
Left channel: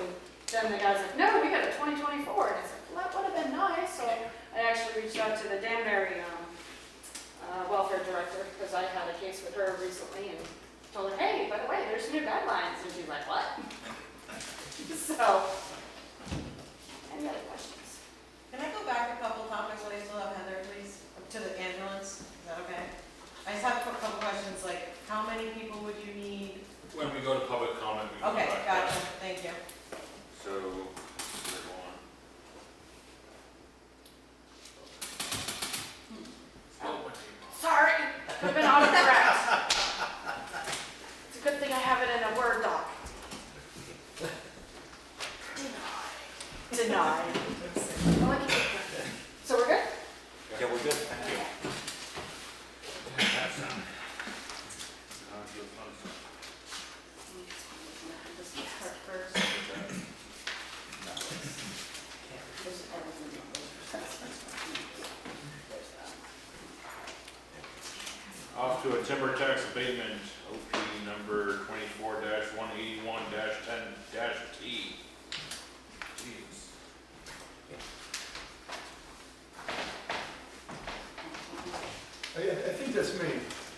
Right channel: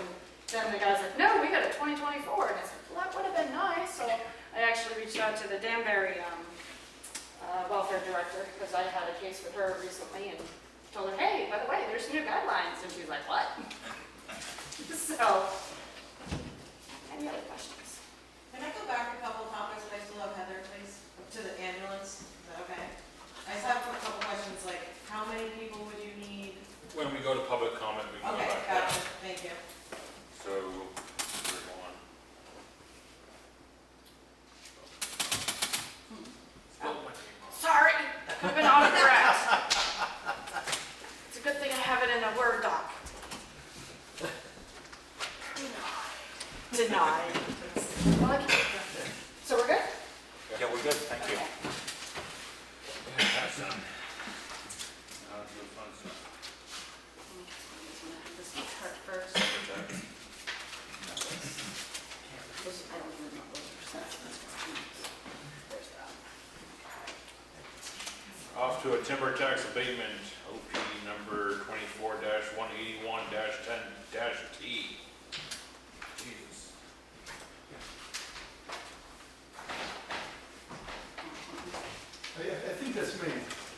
then the guy's like, no, we got a 2024, and I said, well, that would have been nice, so I actually reached out to the Danbury, welfare director, because I had a case with her recently, and told her, hey, by the way, there's new guidelines, and she's like, what? So, any other questions? Can I go back a couple topics when I still have Heather, please? To the ambulance, is that okay? I just have a couple questions, like, how many people would you need? When we go to public comment, we can go Okay, back gotcha, there. thank you. So, we're going. Sorry, that could have been autocorrect. It's a good thing I have it in a Word doc. Denied. Well, I can get there. So we're good? Yeah, we're good, thank you. Yeah, that's done. Now to the fun stuff. This part first. Off to a timber tax abatement, OP number 24-181-10-T. Jesus. I think that's me.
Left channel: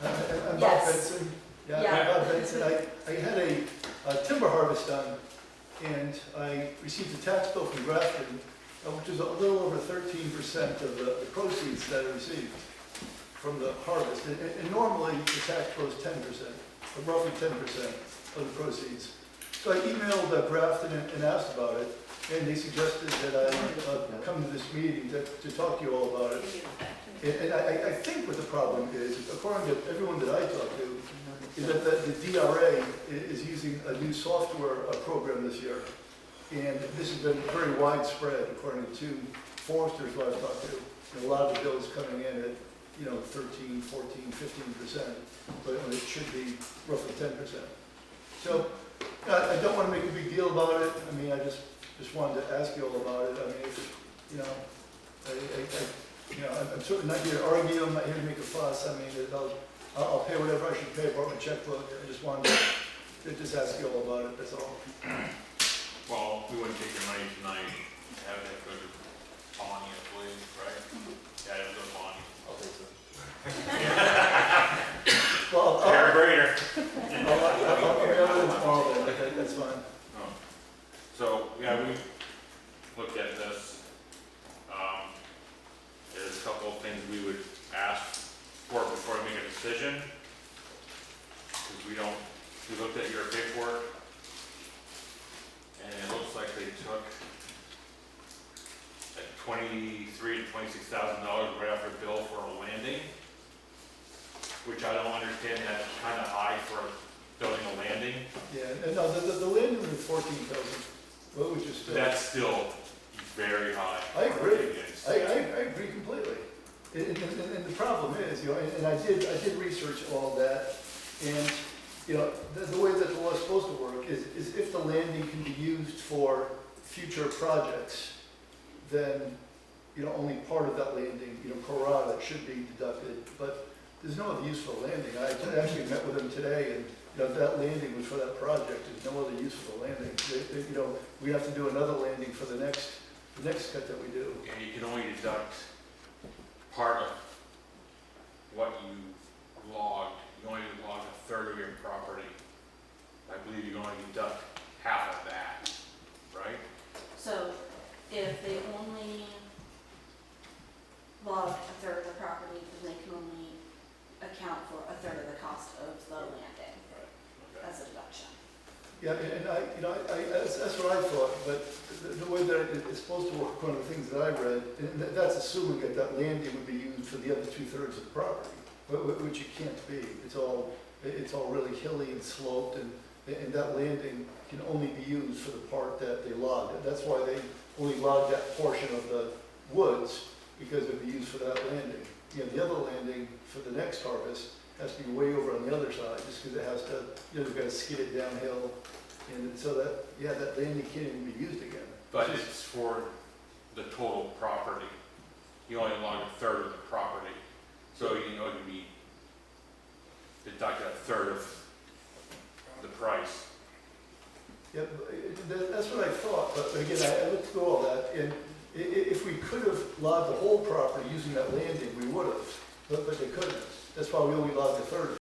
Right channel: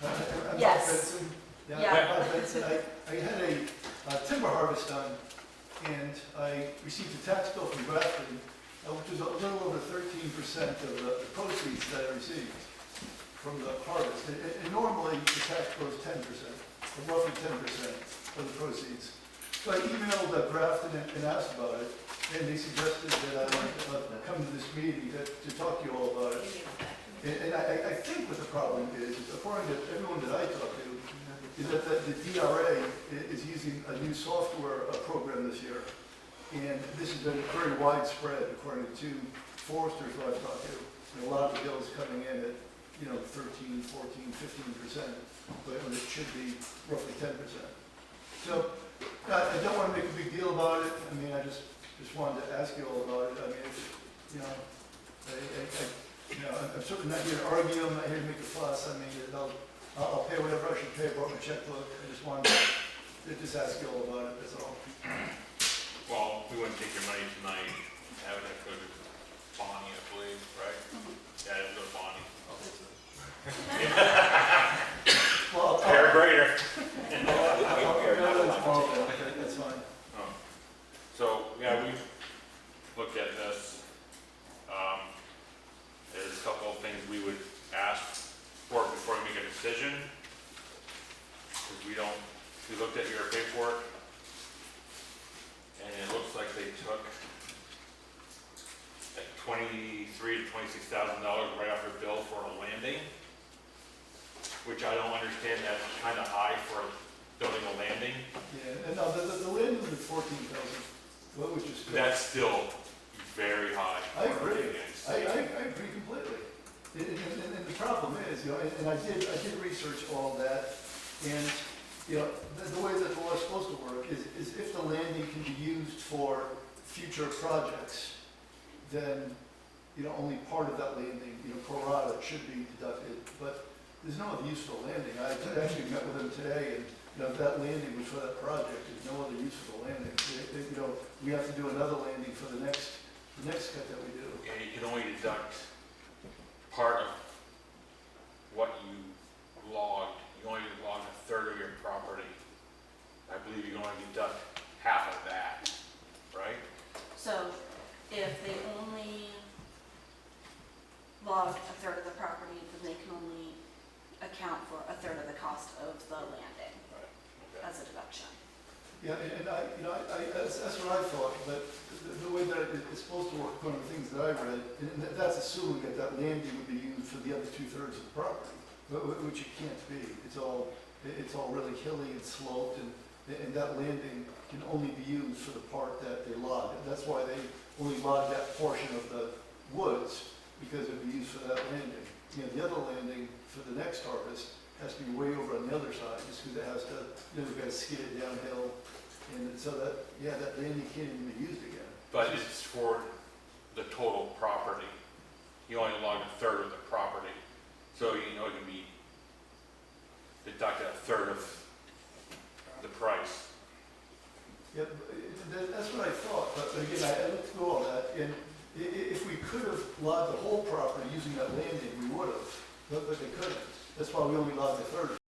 I'm Bob Yes. Benson. Yeah, Yeah. I'm Bob Benson. I had a timber harvest done, and I received a tax bill from Grafton, which was a little over 13% of the proceeds that I received from the harvest. And normally, the tax goes 10%, or roughly 10% of the proceeds. So I emailed Grafton and asked about it, and they suggested that I come to this meeting to talk to you all about it. And I think what the problem is, according to everyone that I talk to, is that the DRA is using a new software program this year. And this has been very widespread, according to two foresters who I've talked to. And a lot of the bills coming in at, 13, 14, 15%, but when it should be roughly 10%. So I don't want to make a big deal about it. I mean, I just wanted to ask you all about it. I mean, it's, I'm certainly not here to argue, I'm not here to make a fuss. I mean, I'll pay whatever I should pay, brought my checkbook. I just wanted to just ask you all about it, that's all. Well, we wouldn't take your money tonight, have it go to Bonnie, I believe, right? Yeah, it'll go to Bonnie. Well, Paragrader. that's fine. Oh. So, yeah, we looked at this. There's a couple of things we would ask for before we make a decision. Because we looked at your paperwork, and it looks like they took like $23,000 to $26,000 right off their bill for a landing, which I don't understand, that's kind of high for building a landing. Yeah, and no, the landing was 14,000, what would you say? That's still very high. I agree. for a landing. I agree completely. And the problem is, and I did research all that, and, the way that the law is supposed to work is if the landing can be used for future projects, then, only part of that landing, pro rata should be deducted, but there's no other use for the landing. I actually met with them today, and, if that landing was for that project, there's no other use for the landing. We have to do another landing for the next cut that we do. And you can only deduct part of what you logged. You only log a third of your property. I believe you can only deduct half of that, right? So if they only log a third of the property, then they can only account for a third of the cost of the landing Right. Okay. as a deduction. Yeah, and that's what I thought, but the way that it's supposed to work, one of the things that I read, and that's assuming that that landing would be used for the other 2/3 of the property, which it can't be. It's all really hilly and sloped, and that landing can only be used for the part that they logged. That's why they only logged that portion of the woods, because it'd be used for that landing. The other landing for the next harvest has to be way over on the other side, just because it has to, we've got to skid it downhill, and so that landing can't even be used again. But it's for the total property. You only log a third of the property, so it can be deducted a third of the price. Yeah, that's what I thought, but again, I looked through all that, and if we could have logged the whole property using that landing, we would have, but they couldn't. That's why we only logged a third of it.